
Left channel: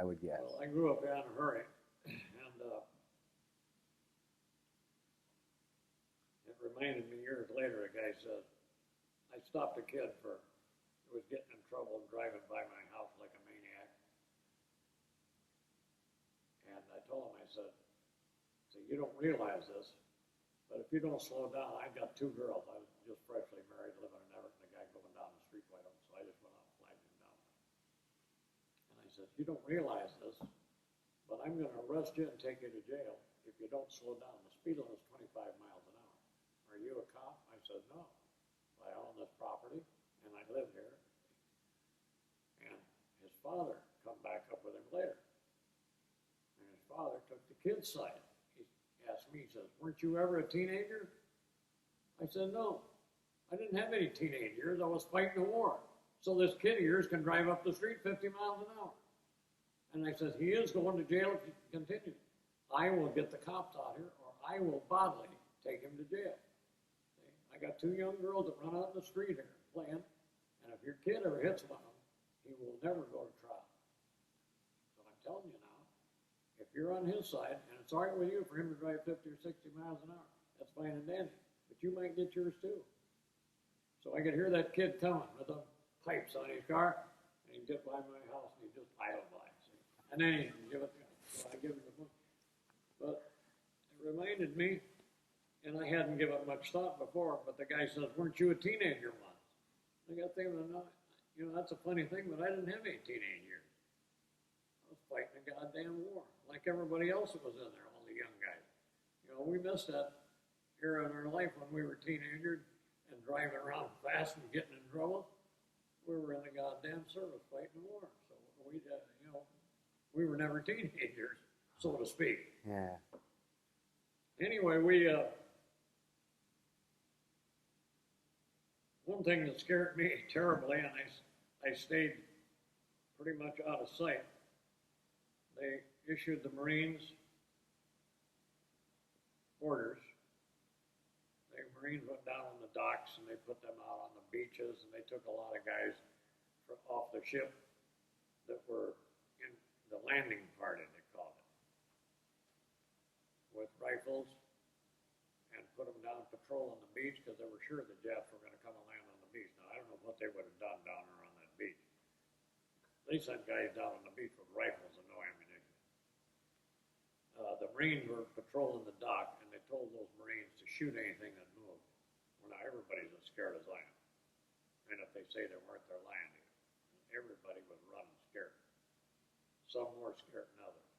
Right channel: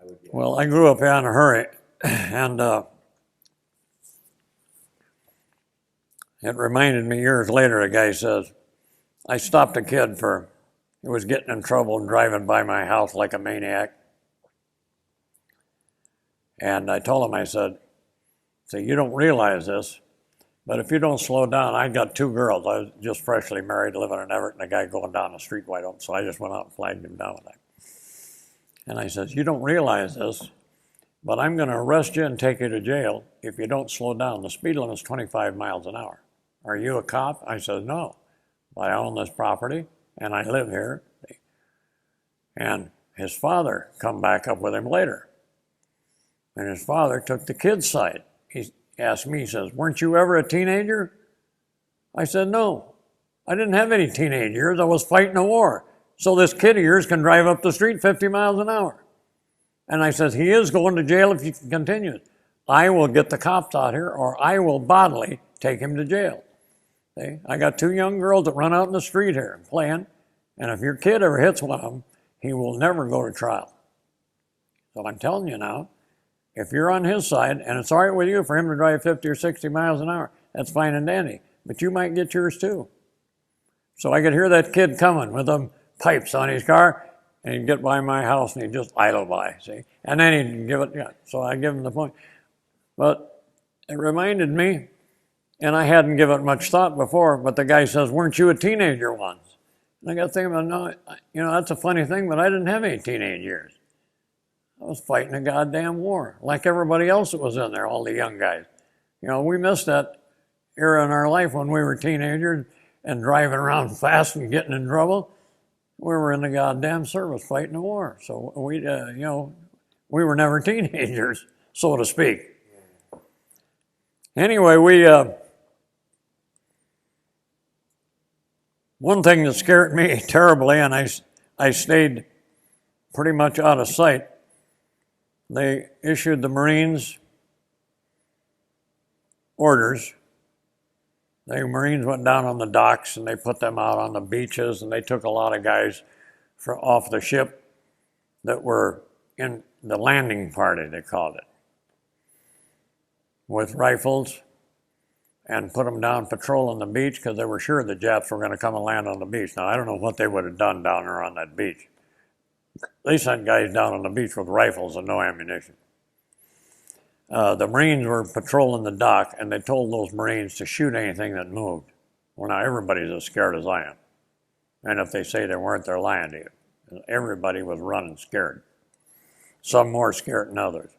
I would guess. Well, I grew up in a hurry, and it reminded me years later, a guy says, I stopped a kid he was getting in trouble and driving by my house like a maniac. And I told him, I said, you don't realize this, but if you don't slow down, I got 2 girls. I was just freshly married, living in Everett, and a guy going down the street wide open. So I just went out and flagged him down with that. And I said, you don't realize this, but I'm going to arrest you and take you to jail if you don't slow down. The speed limit is 25 miles an hour. Are you a cop? I said, no. But I own this property, and I live here. And his father come back up with him later. And his father took the kid's side. He asked me, he says, weren't you ever a teenager? I said, no. I didn't have any teenage years. I was fighting a war. So this kid of yours can drive up the street 50 miles an hour. And I said, he is going to jail if you can continue. I will get the cops out here, or I will bodily take him to jail. See? I got 2 young girls that run out in the street here playing, and if your kid ever hits one of them, he will never go to trial. So I'm telling you now, if you're on his side, and it's all right with you for him to drive 50 or 60 miles an hour, that's fine and dandy, but you might get yours too. So I could hear that kid coming with them pipes on his car, and he'd get by my house and he'd just idle by, see? And then he'd give it, so I give him the point. But it reminded me And I hadn't given it much thought before, but the guy says, weren't you a teenager once? And I got thinking about, no, you know, that's a funny thing, but I didn't have any teenage years. I was fighting a goddamn war, like everybody else that was in there, all the young guys. You know, we missed that era in our life when we were teenagers and driving around fast and getting in trouble. We were in the goddamn service fighting the war. So we, you know, we were never teenagers, so to speak. Yeah. Anyway, one thing that scared me terribly, and I stayed pretty much out of sight, they issued the Marines orders. The Marines went down on the docks and they put them out on the beaches, and they took a lot of guys off the ship that were in the landing party, they called it, with rifles, and put them down patrolling the beach because they were sure the Japs were going to come and land on the beach. Now, I don't know what they would have done down there on that beach. They sent guys down on the beach with rifles and no ammunition. The Marines were patrolling the dock, and they told those Marines to shoot anything that moved. Well, now everybody's as scared as I am. And if they say they weren't, they're lying to you. Everybody was running scared. Some more scared than others.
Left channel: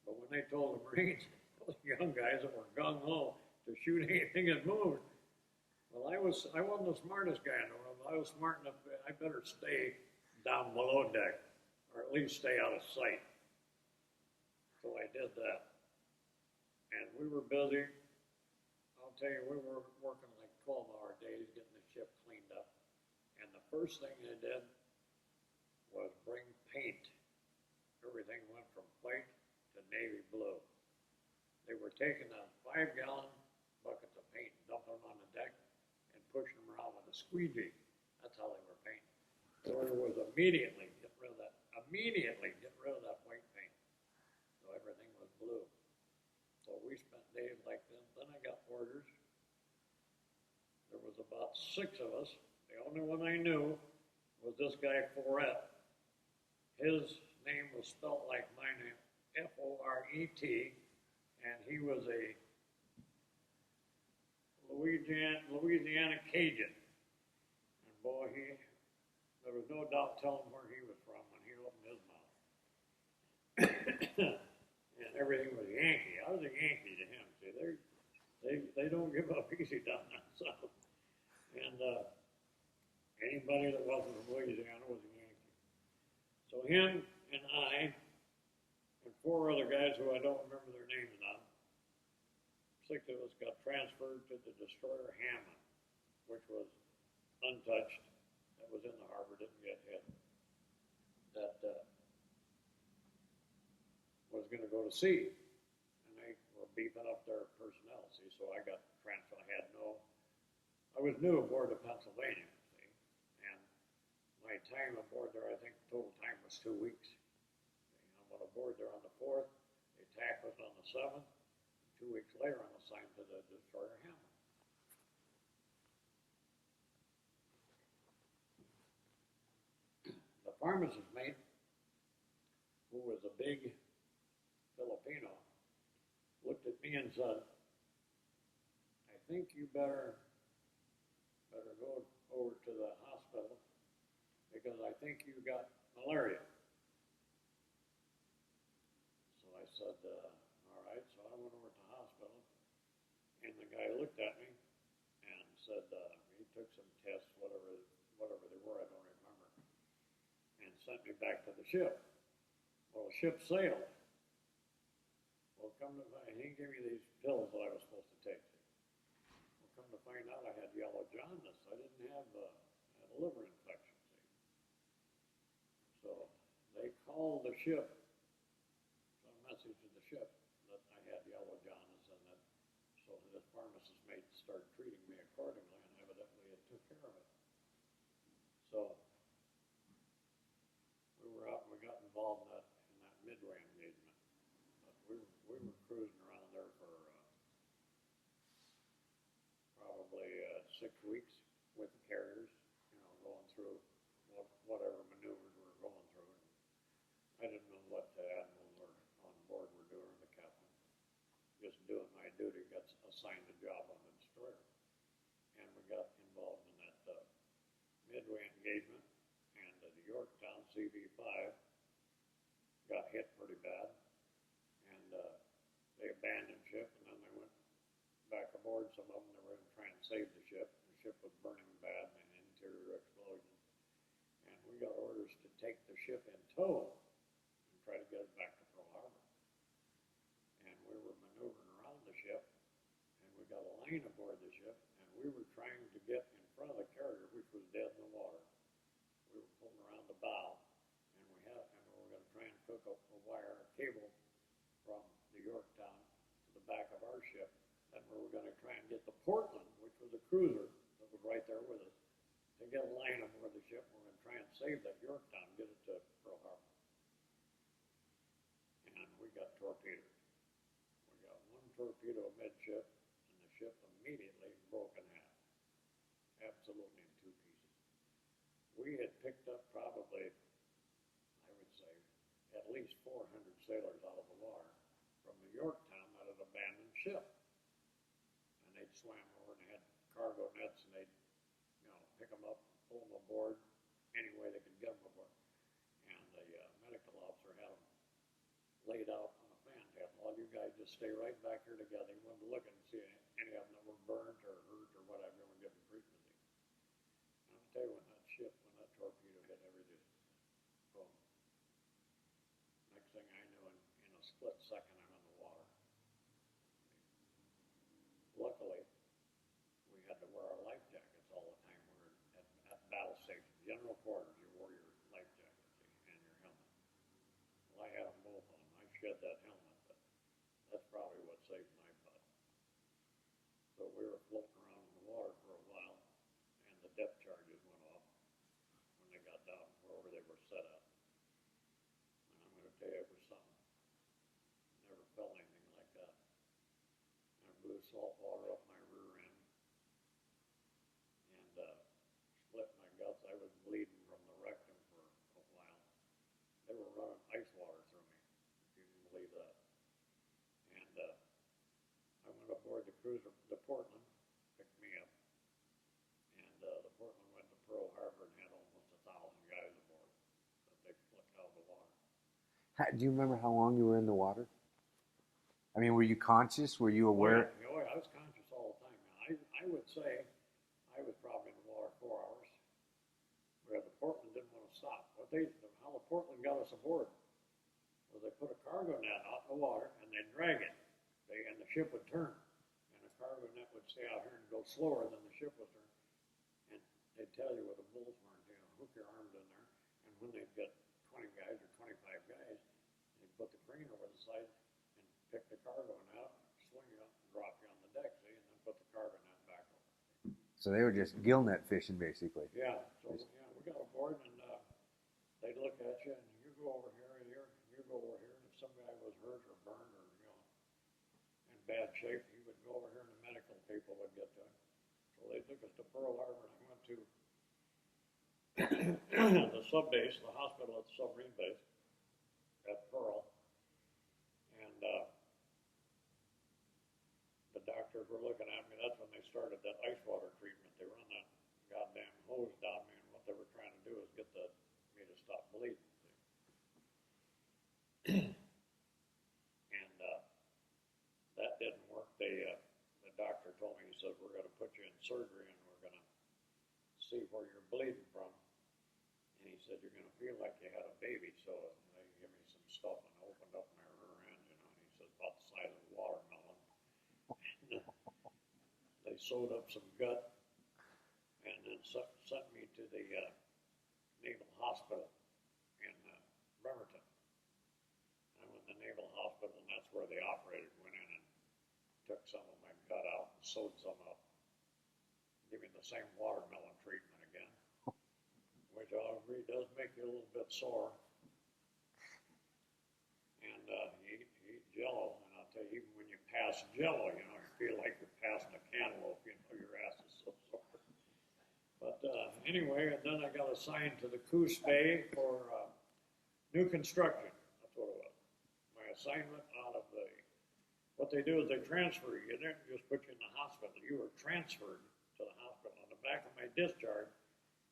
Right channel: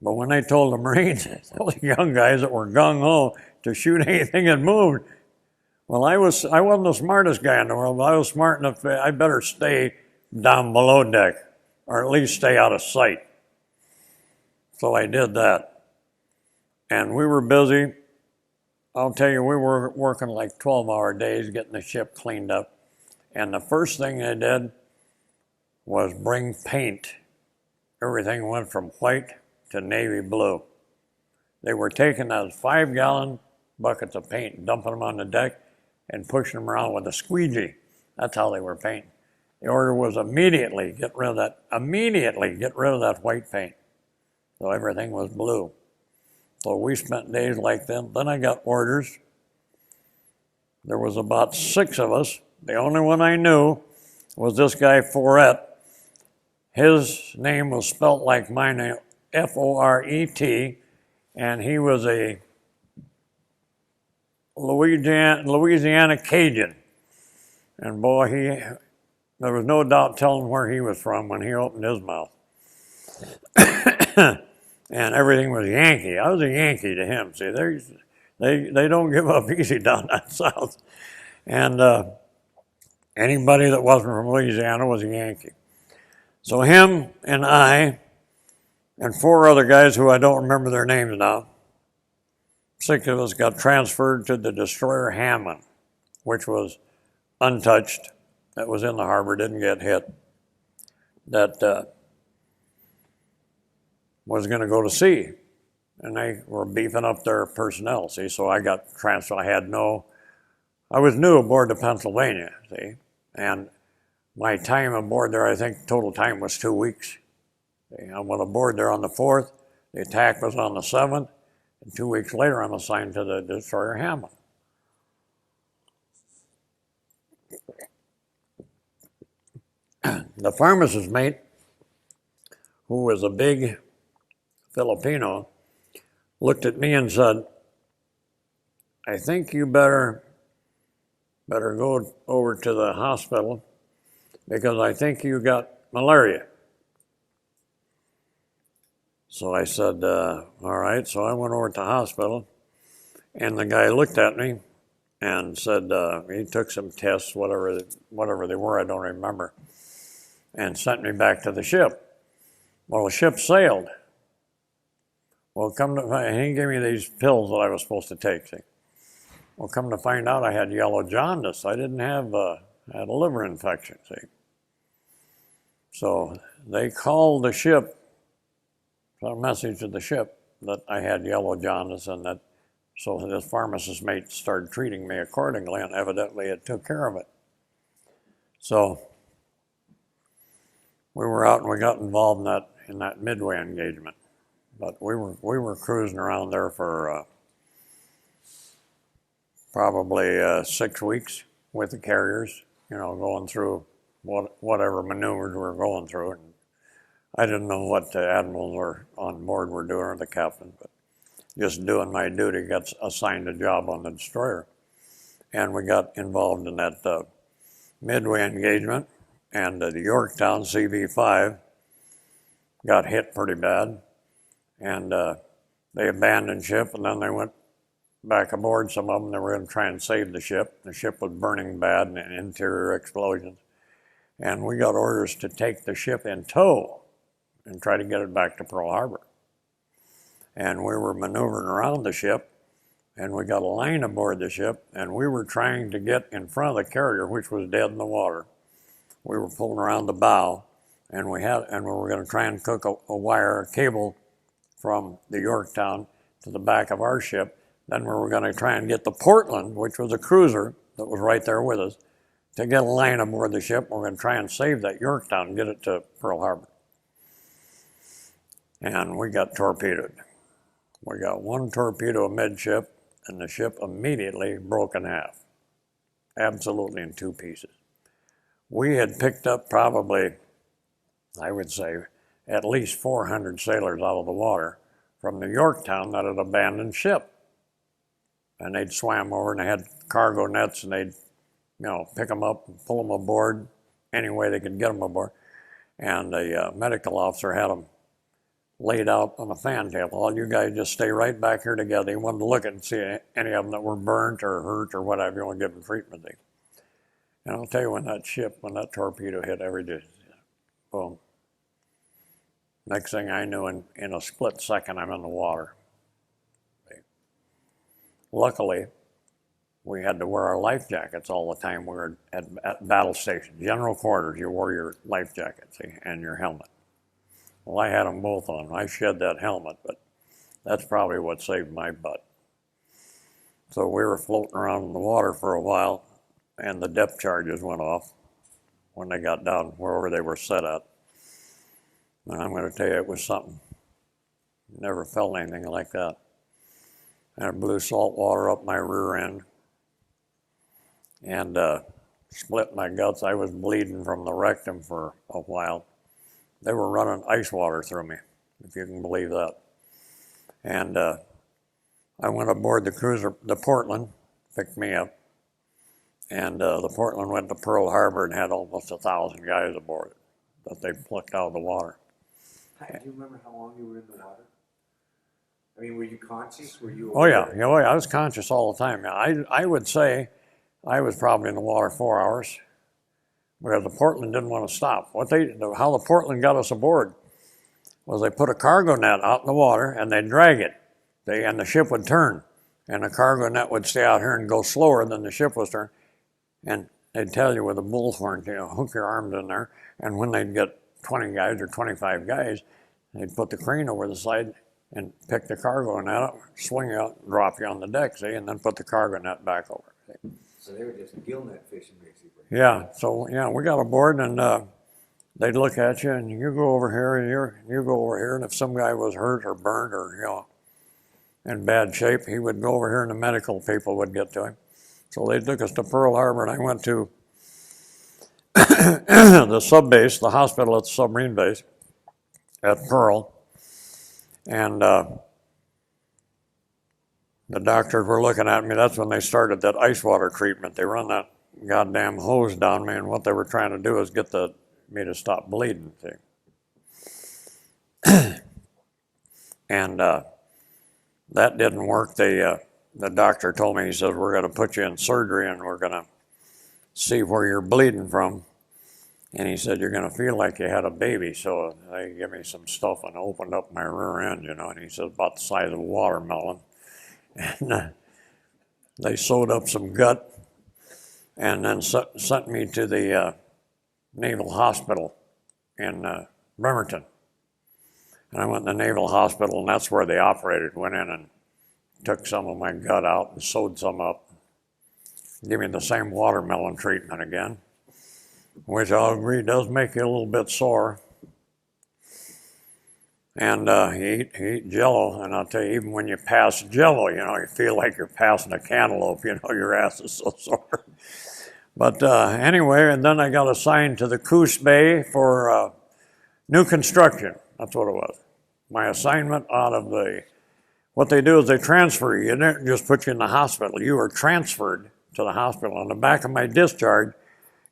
But when they told the Marines, those young guys that were gung-ho, to shoot anything that moved, well, I wasn't the smartest guy in the world, but I was smart enough to, I better stay down below deck, or at least stay out of sight. So I did that. And we were busy. I'll tell you, we were working like 12-hour days getting the ship cleaned up. And the first thing they did was bring paint. Everything went from white to navy blue. They were taking those 5-gallon buckets of paint, dumping them on the deck, and pushing them around with a squeegee. That's how they were painting. The order was immediately get rid of that white paint. So everything was blue. So we spent days like that. Then I got orders. There was about 6 of us. The only one I knew was this guy, Forte. His name was spelt like my name, F-O-R-E-T, and he was a Louisiana Cajun. And boy, there was no doubt telling where he was from when he opened his mouth. And everything was Yankee. I was a Yankee to him. See, they don't give up easy down that south. And anybody that wasn't from Louisiana was a Yankee. So him and I and 4 other guys who I don't remember their names now, 6 of us got transferred to the destroyer Hammond, which was untouched. That was in the harbor, didn't get hit. That was going to go to sea, and they were beefing up their personnel, see, so I got transferred. I was new aboard the Pennsylvania, see, and my time aboard there, I think total time was 2 weeks. See, I went aboard there on the 4th, the attack was on the 7th, and 2 weeks later I'm assigned to the destroyer Hammond. The pharmacist mate, who was a big Filipino, looked at me and said, I think you better go over to the hospital because I think you got malaria. So I said, all right. So I went over to the hospital, and the guy looked at me and said, he took some tests, whatever they were, I don't remember, and sent me back to the ship. Well, the ship sailed. Well, he gave me these pills that I was supposed to take. See? Well, come to find out, I had yellow jaundice. I didn't have, I had a liver infection, see. So they called the ship, sent a message to the ship that I had yellow jaundice, and that, so this pharmacist mate started treating me accordingly, and evidently it took care of it. So we were out and we got involved in that Midway engagement. But we were cruising around there for probably 6 weeks with the carriers, you know, going through whatever maneuvers we were going through. And I didn't know what the admirals were on board were doing, or the captain, but just doing my duty, got assigned a job on the destroyer. And we got involved in that Midway engagement, and the Yorktown CV-5 got hit pretty bad, and they abandoned ship, and then they went back aboard. Some of them, they were going to try and save the ship. The ship was burning bad and interior explosions. And we got orders to take the ship in tow and try to get it back to Pearl Harbor. And we were maneuvering around the ship, and we got a line aboard the ship, and we were trying to get in front of the carrier, which was dead in the water. We were pulling around the bow, and we were going to try and cook a cable from the Yorktown to the back of our ship. Then we were going to try and get the Portland, which was a cruiser that was right there with us, to get a line aboard the ship. We're going to try and save that Yorktown and get it to Pearl Harbor. And we got torpedoed. We got one torpedo amidship, and the ship immediately broke in half, absolutely in two pieces. We had picked up probably, I would say, at least 400 sailors out of the water from the Yorktown that had abandoned ship. And they'd swam over, and they had cargo nets, and they'd, pick them up and pull them aboard any way they could get them aboard. And the medical officer had them laid out on a fantail. All you guys just stay right back here together. He wanted to look at and see any of them that were burnt or hurt or whatever. You want to give them treatment. And I'll tell you, when that torpedo hit, boom. Next thing I knew, in a split second, I'm in the water. Luckily, we had to wear our life jackets all the time. We were at battle stations, general quarters. You wore your life jacket, and your helmet. Well, I had them both on. I shed that helmet, but that's probably what saved my butt. So we were floating around in the water for a while, and the depth charges went off when they got down wherever they were set at. And I'm going to tell you, it was something. Never felt anything like that. And it blew salt water up my rear end and split my guts. I was bleeding from the rectum for a while. They were running ice water through me, if you can believe that. And I went aboard the cruiser, the Portland, picked me up. And the Portland went to Pearl Harbor and had almost 1,000 guys aboard it that they plucked out of the water. Do you remember how long you were in the water? I mean, were you conscious? Were you aware? Oh yeah, I was conscious all the time. I would say I was probably in the water 4 hours, because the Portland didn't want to stop. How the Portland got us aboard was they put a cargo net out in the water and they'd drag it, and the ship would turn, and the cargo net would stay out here and go slower than the ship was turning, and they'd tell you with a bullhorn, hook your arms in there, and when they'd get 20 guys or 25 guys, they'd put the crane over the side and pick the cargo net up, swing out, drop you on the deck, and then put the cargo net back over. So they were just gill net fishing, basically. Yeah, so we got aboard, and they'd look at you, and you go over here, and you go over here, and if some guy was hurt or burned or in bad shape, he would go over here, and the medical people would get to him. So they took us to Pearl Harbor, and I went to the sub base, the hospital at the submarine base at Pearl, and the doctors were looking at me. That's when they started that ice water treatment. They run that goddamn hose down me, and what they were trying to do is get me to stop bleeding. And that didn't work. The doctor told me, he said, we're going to put you in surgery, and we're going to see where you're bleeding from. And he said, you're going to feel like you had a baby. So they gave me some stuff and opened up my rear end, and he said, about the size of a watermelon. And they sewed up some gut and then sent me to the Naval Hospital in Bremerton. And I went to the Naval Hospital, and that's where they operated. Went in and took some of my gut out and sewed some up. Give me the same watermelon treatment again, which I'll agree does make you a little bit sore. And you eat Jell-O, and I'll tell you, even when you pass Jell-O, you feel like you're passing a cantaloupe. Your ass is so sore. But anyway, and then I got assigned to the Coos Bay for new construction. That's what it was. My assignment out of what they do is they transfer you. They don't just put you in the hospital. You are transferred to the hospital. On the back of my discharge,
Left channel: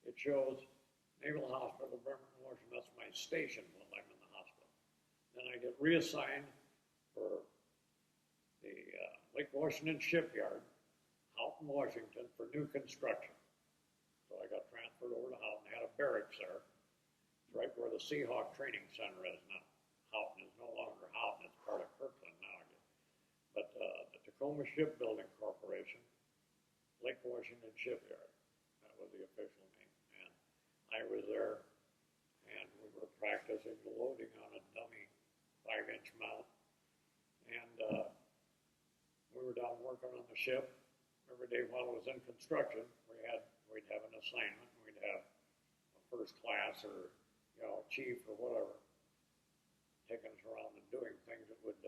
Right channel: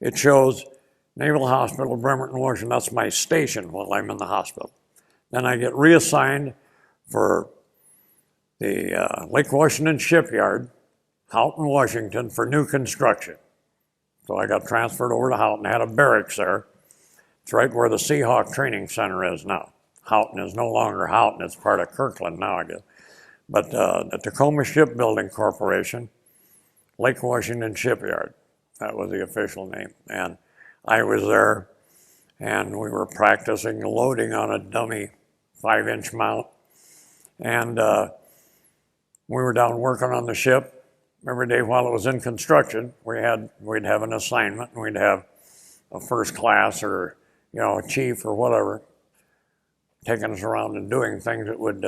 it shows Naval Hospital, Bremerton, Washington. That's my station while I'm in the hospital. Then I get reassigned for the Lake Washington Shipyard, Houghton, Washington, for new construction. So I got transferred over to Houghton, had a barracks there. It's right where the Seahawk Training Center is now. Houghton is no longer Houghton, it's part of Kirkland now, I guess. But the Tacoma Shipbuilding Corporation, Lake Washington Shipyard, that was the official name. And I was there, and we were practicing loading on a dummy 5-inch mount. And we were down working on the ship. Every day while it was in construction, we'd have an assignment, and we'd have a first class or, you know, a chief or whatever taking us around and doing things that would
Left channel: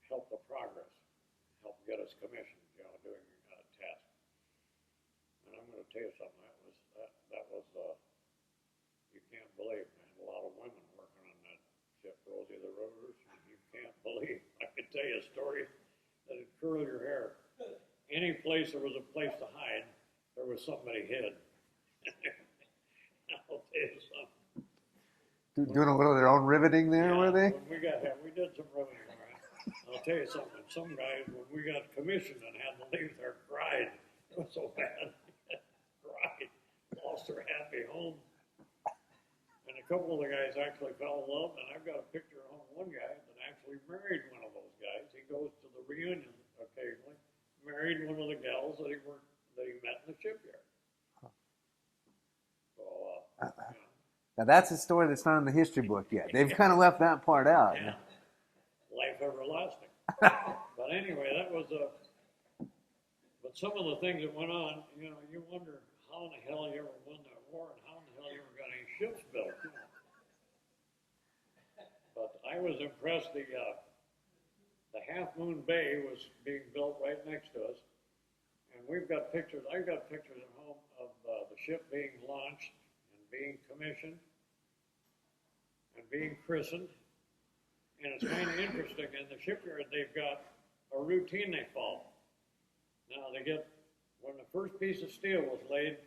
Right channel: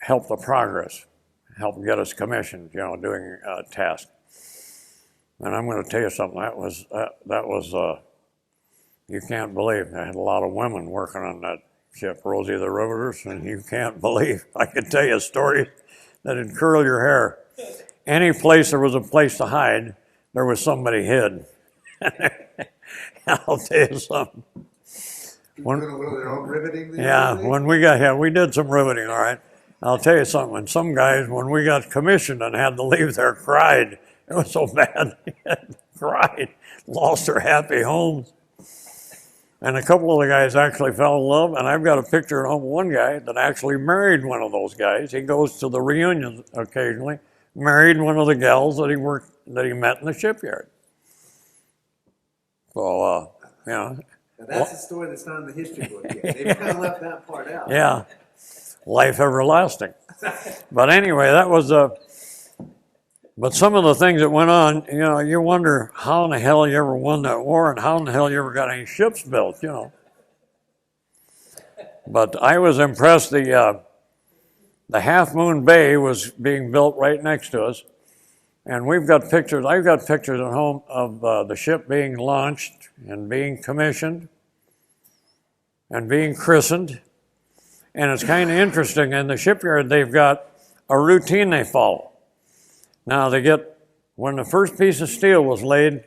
help the progress, help get us commissioned, you know, doing tasks. And I'm going to tell you something, that was you can't believe. I had a lot of women working on that ship, Rosie the Riveters, and you can't believe. I could tell you stories that'd curl your hair. Any place there was a place to hide, there was somebody hid. I'll tell you something. Doing a little of their own riveting there? Yeah, we did some riveting, all right. I'll tell you something, and some guys, when we got commissioned and had to leave there, cried. It was so bad, cried, lost their happy homes. And a couple of the guys actually fell in love, and I've got a picture of one guy that actually married one of those guys. He goes to the reunions occasionally, married one of the gals that he met in the shipyard. So, you know. Now that's a story that's not in the history book yet. They've kind of left that part out. Yeah, life everlasting. But anyway, that was but some of the things that went on, you know, you wonder how in the hell you ever won that war and how in the hell you ever got any ships built, you know. But I was impressed. The Half Moon Bay was being built right next to us. And we've got pictures, I've got pictures at home of the ship being launched and being commissioned and being christened. And it's kind of interesting. In the shipyard, they've got a routine they follow. Now when the first piece of steel was laid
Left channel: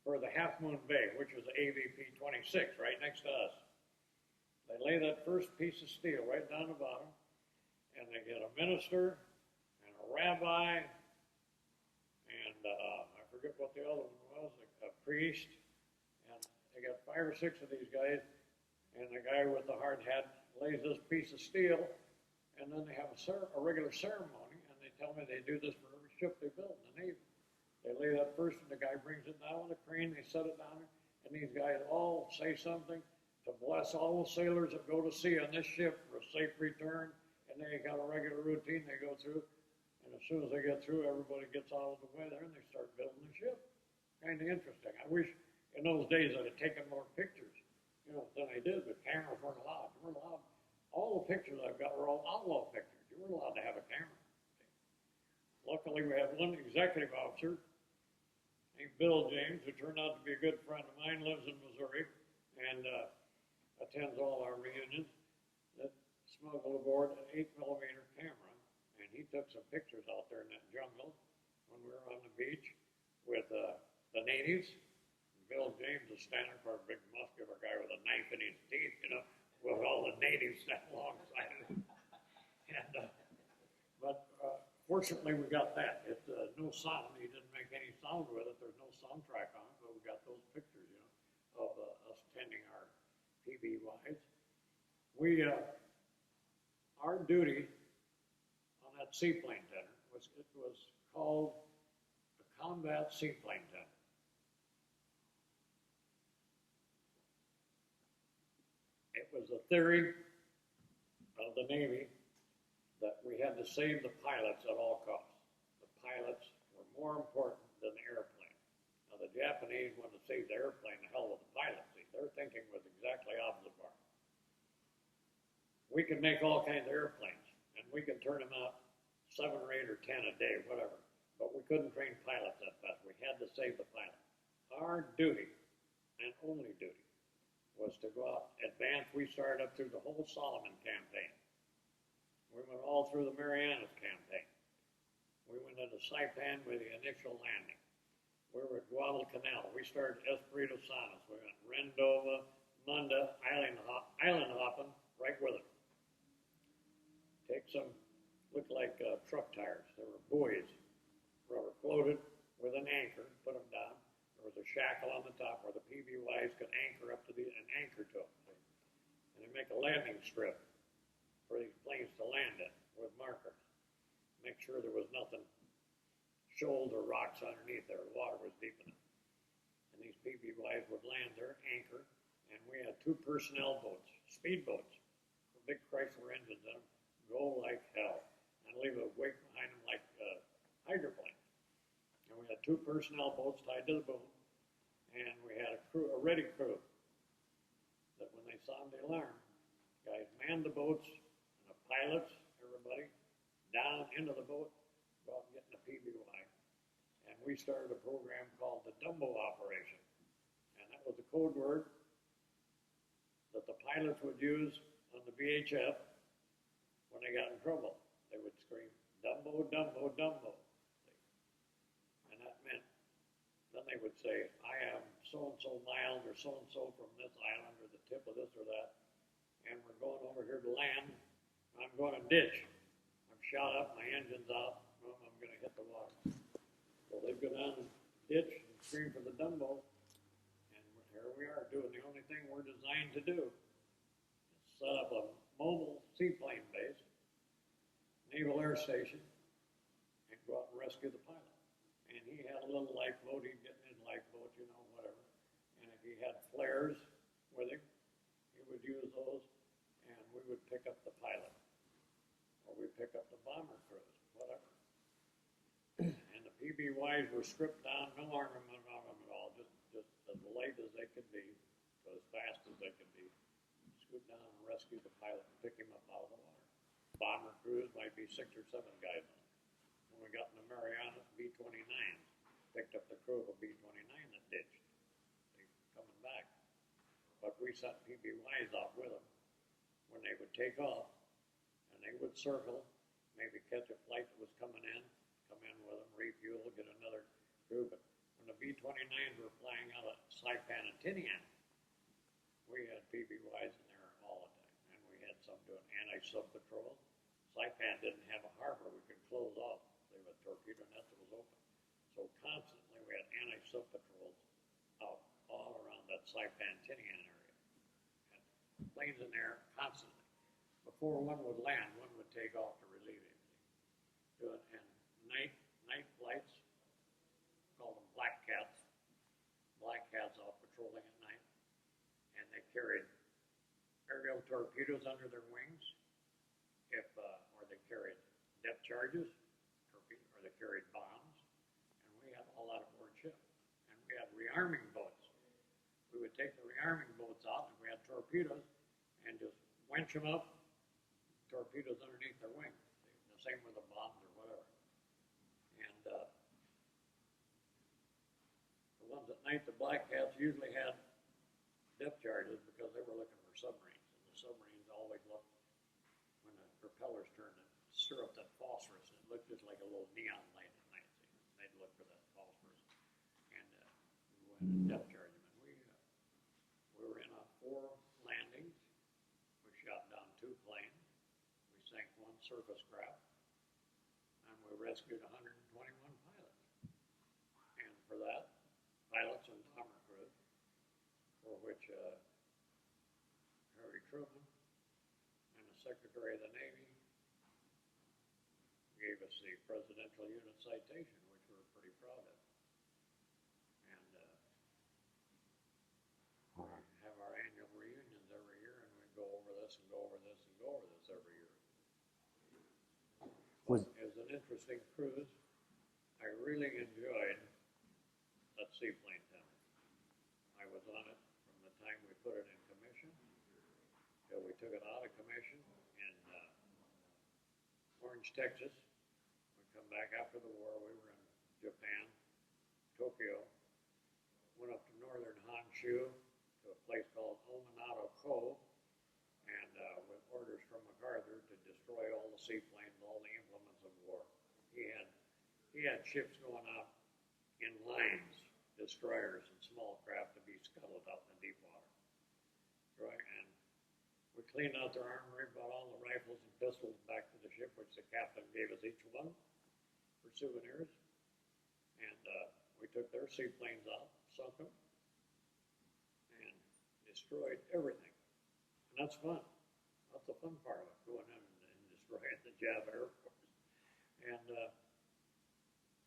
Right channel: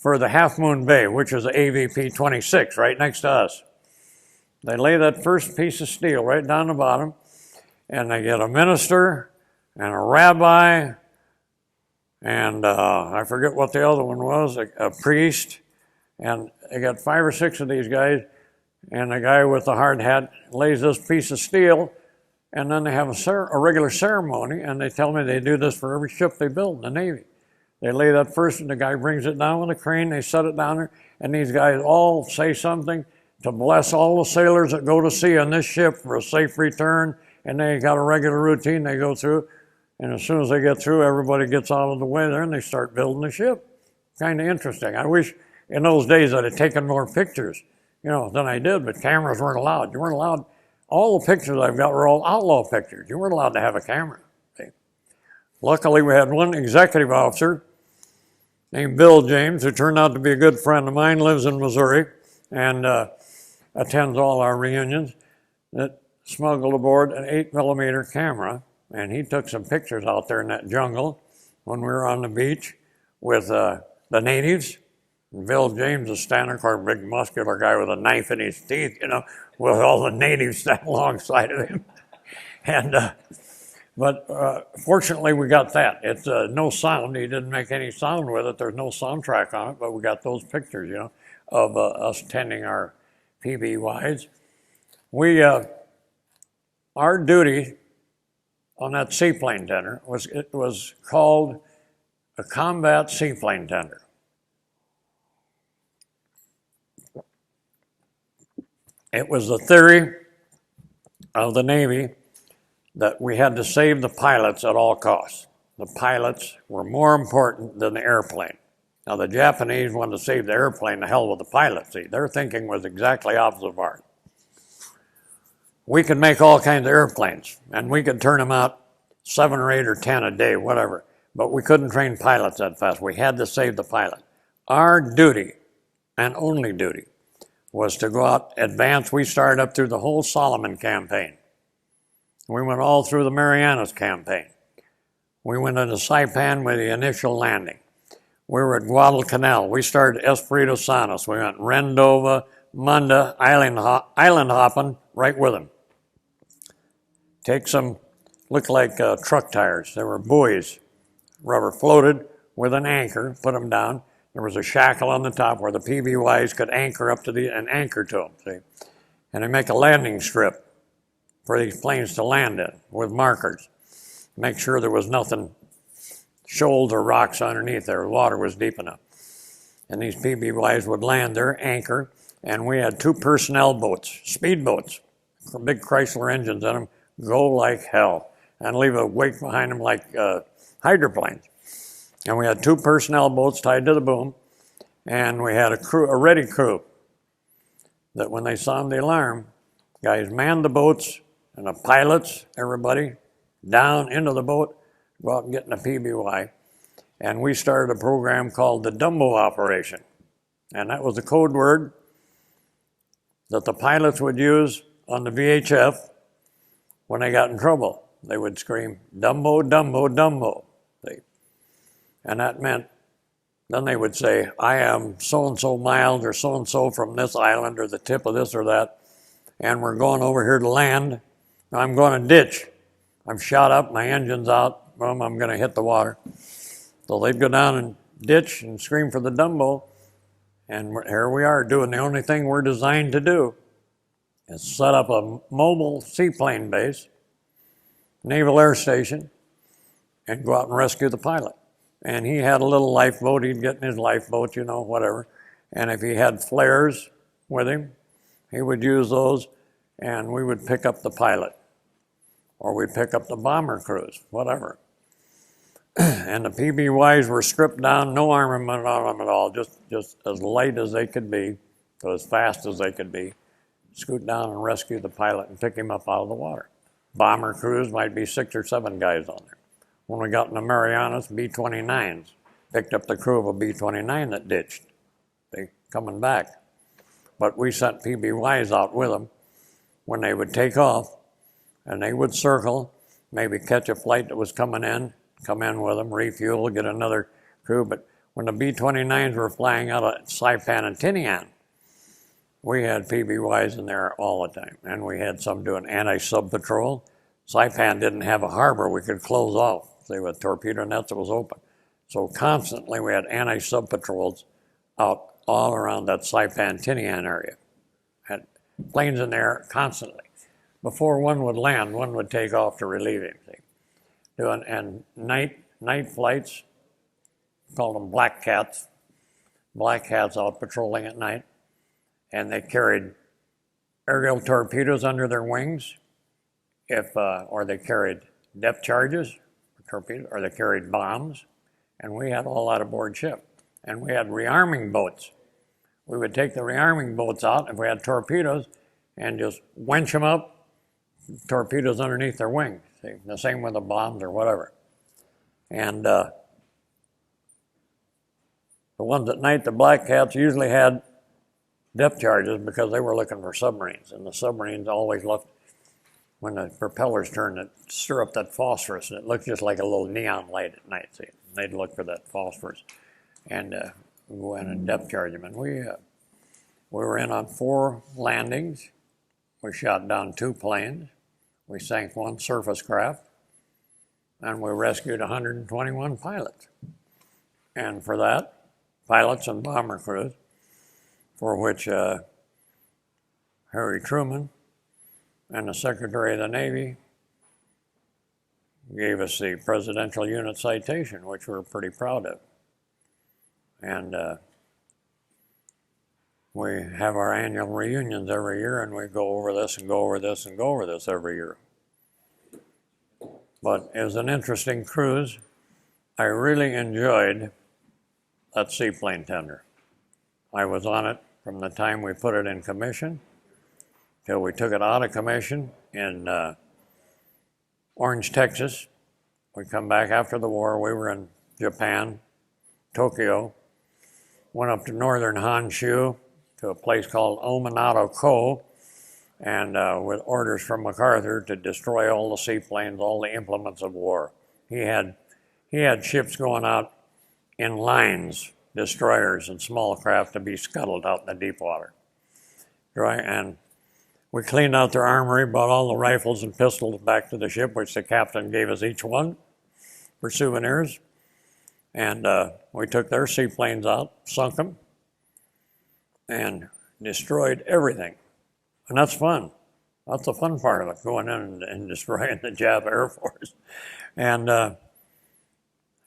for the Half Moon Bay, which is the AVP 26 right next to us, they lay that first piece of steel right down the bottom, and they get a minister and a rabbi, and I forget what the other one was, a priest, and they got 5 or 6 of these guys, and the guy with the hard hat lays this piece of steel. And then they have a regular ceremony, and they tell me they do this for every ship they build in the Navy. They lay that first, and the guy brings it down with a crane, they set it down there, and these guys all say something to bless all the sailors that go to sea on this ship for a safe return, and they got a regular routine they go through, and as soon as they get through, everybody gets out of the way there, and they start building the ship. Kind of interesting. I wish in those days I'd have taken more pictures, you know, than I did, but cameras weren't allowed. You weren't allowed. All the pictures I've got were all outlaw pictures. You weren't allowed to have a camera. See? Luckily, we had one executive officer named Bill James, who turned out to be a good friend of mine, lives in Missouri, and attends all our reunions, that smuggled aboard an 8mm camera, and he took some pictures out there in that jungle when we were on the beach with the natives. And Bill James is standing there, a big muscular guy with a knife in his teeth, you know, with all the natives standing alongside of him. And, but fortunately we got that. It's no sound, he didn't make any sound with it, there's no soundtrack on it, but we got those pictures, you know, of us tending our PBYs. Our duty on that seaplane tender was called a combat seaplane tender. It was the theory of the Navy that we had to save the pilots at all costs. The pilots were more important than the airplane. Now the Japanese wanted to save the airplane, the hell with the pilots. See, their thinking was exactly opposite of ours. We could make all kinds of airplanes, and we could turn them out 7 or 8 or 10 a day, whatever, but we couldn't train pilots that fast. We had to save the pilot. Our duty, and only duty, was to go out, advance. We started up through the whole Solomon campaign. We went all through the Marianas campaign. We went into Saipan with the initial landing. We were at Guadalcanal. We started Espiritu Santos. We went Rendova, Munda, island hopping right with them. Take some, looked like truck tires. They were buoys, rubber floated with an anchor, put them down. There was a shackle on the top where the PBYs could anchor up to and anchor to them, see? And they make a landing strip for these planes to land in with markers. Make sure there was nothing, shoals or rocks underneath there. The water was deep enough. And these PBYs would land there, anchor, and we had 2 personnel boats, speedboats, big Chrysler engines in them, go like hell, and leave a wake behind them like hydroplanes. And we had 2 personnel boats tied to the boom, and we had a ready crew that when they sounded the alarm, guys manned the boats, and the pilots, everybody, down into the boat, go out and get in a PBY. And we started a program called the Dumbo Operation. And that was the code word that the pilots would use on the VHF when they got in trouble. They would scream, Dumbo, Dumbo, Dumbo. And that meant, then they would say, I am so-and-so miles or so-and-so from this island or the tip of this or that, and we're going over here to land. I'm going to ditch. I'm shot up, my engine's out, I'm going to hit the water. So they'd go down and ditch and scream for the Dumbo, and here we are doing the only thing we're designed to do, is set up a mobile seaplane base, naval air station, and go out and rescue the pilot. And he had a little lifeboat, he'd get in his lifeboat, you know, whatever. And if he had flares with him, he would use those, and we would pick up the pilot. Or we'd pick up the bomber crews, whatever. And the PBYs were stripped down, no armament on them at all, just as light as they could be, so as fast as they could be. Scoot down and rescue the pilot and pick him up out of the water. Bomber crews might be 6 or 7 guys on there. When we got in the Marianas, B-29s picked up the crew of a B-29 that ditched. They coming back. But we sent PBYs out with them when they would take off, and they would circle, maybe catch a flight that was coming in, come in with them, refuel, get another crew. But when the B-29s were flying out of Saipan and Tinian, we had PBYs in there all the time, and we had some doing anti-sub patrol. Saipan didn't have a harbor we could close off. They were torpedo nets that was open. So constantly we had anti-sub patrols out all around that Saipan-Tinian area. Had planes in there constantly. Before one would land, one would take off to relieve him. And night flights, called them black cats out patrolling at night. And they carried aerial torpedoes under their wings, or they carried depth charges, torpedoes, or they carried bombs, and we had all that aboard ship. And we had rearming boats. We would take the rearming boats out if we had torpedoes and just winch them up, torpedoes underneath their wings. See? The same with the bombs or whatever. And the ones at night, the black cats usually had depth charges because they were looking for submarines, and the submarines always looked, when the propellers turned, it stir up that phosphorus, and it looked just like a little neon light at night. See, they'd look for that phosphorus, and go in and depth charge them. And we were in on 4 landings. We shot down 2 planes. We sank 1 surface craft, and we rescued 121 pilots. And for that, pilots and bomber crews, for which Harry Truman and the Secretary of the Navy gave us the Presidential Unit Citation, which we're pretty proud of. And we have our annual reunions every year, and we go over this and go over this and go over this every year. But it was an interesting cruise. I really enjoyed that seaplane tender. I was on it from the time we put it in commission till we took it out of commission in Orange, Texas. We come back after the war. We were in Japan, Tokyo, went up to northern Honshu to a place called Ominato Ko, and with orders from MacArthur to destroy all the seaplanes, all the implements of war. He had ships going out in lines, destroyers and small craft, to be scuttled out in the deep water. Right? And we cleaned out their armory, brought all the rifles and pistols back to the ship, which the captain gave us each one for souvenirs. And we took their seaplanes out, sunk them, and destroyed everything. And that's fun. That's the fun part of it, going in and destroying the Jap Air Force. And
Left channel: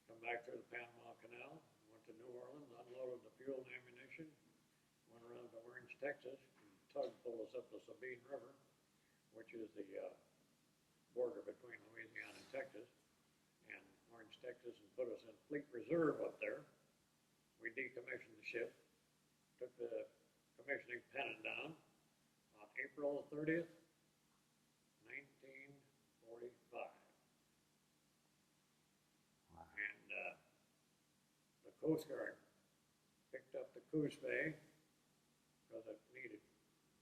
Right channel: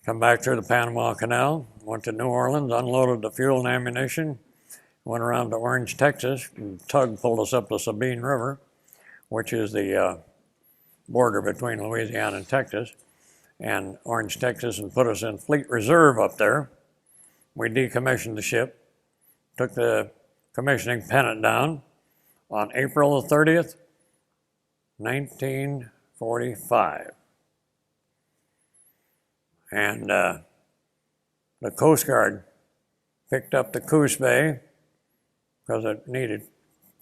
come back through the Panama Canal, went to New Orleans, unloaded the fuel and ammunition, went around to Orange, Texas, and tug pulled us up the Sabine River, which is the border between Louisiana and Texas, and Orange, Texas, and put us in Fleet Reserve up there. We decommissioned the ship, took the commissioning pennant down on April the 30th, 1945. And the Coast Guard picked up the Coos Bay because it needed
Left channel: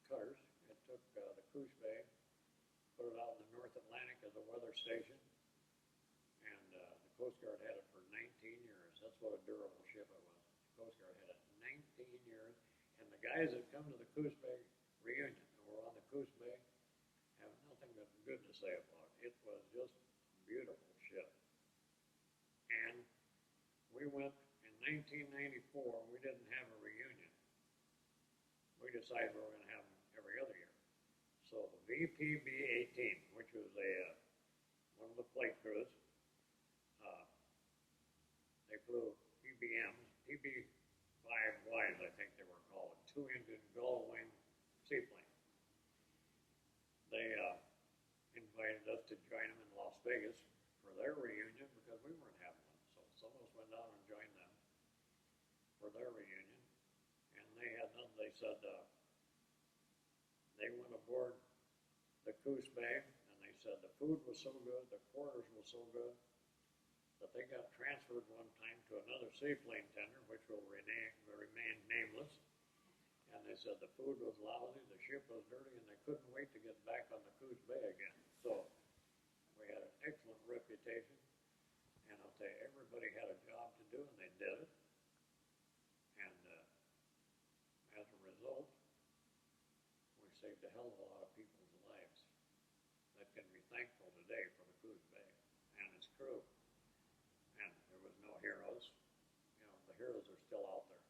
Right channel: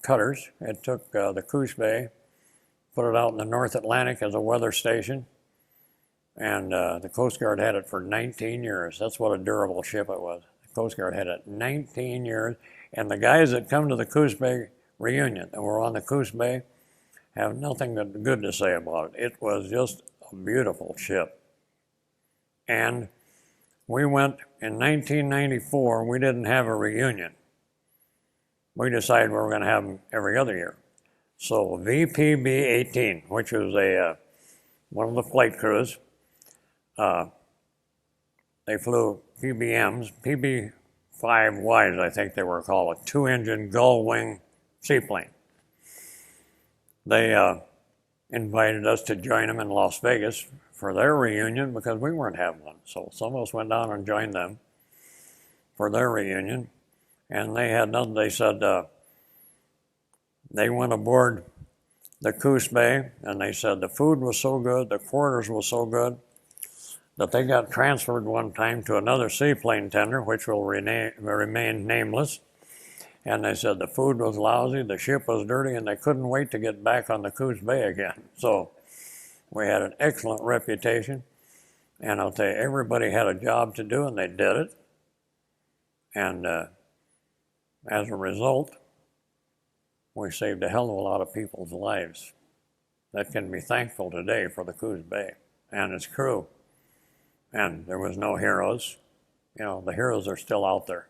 cutters. It took the Coos Bay, put it out in the North Atlantic as a weather station, and the Coast Guard had it for 19 years. That's what a durable ship it was. The Coast Guard had it 19 years, and the guys that come to the Coos Bay reunion that were on the Coos Bay have nothing good to say about it. It was just a beautiful ship. And we went in 1994, we didn't have a reunion. We decided we were going to have them every other year. So VPB-18, which was one of the flight crews, they flew PBMs, PB-5Ys, I think they were called, a 2-engine gull-wing seaplane. They invited us to join them in Las Vegas for their reunion because we weren't having one. So some of us went down and joined them for their reunion. And they had nothing. They said they went aboard the Coos Bay, and they said the food was so good, the quarters was so good, that they got transferred one time to another seaplane tender, which will remain nameless. And they said the food was lousy, the ship was dirty, and they couldn't wait to get back on the Coos Bay again. So we had an excellent reputation. And I'll tell you, everybody had a job to do, and they did it. And as a result, we saved a hell of a lot of people's lives that can be thankful today for the Coos Bay and its crew. And there was no heroes. You know, the heroes are still out there.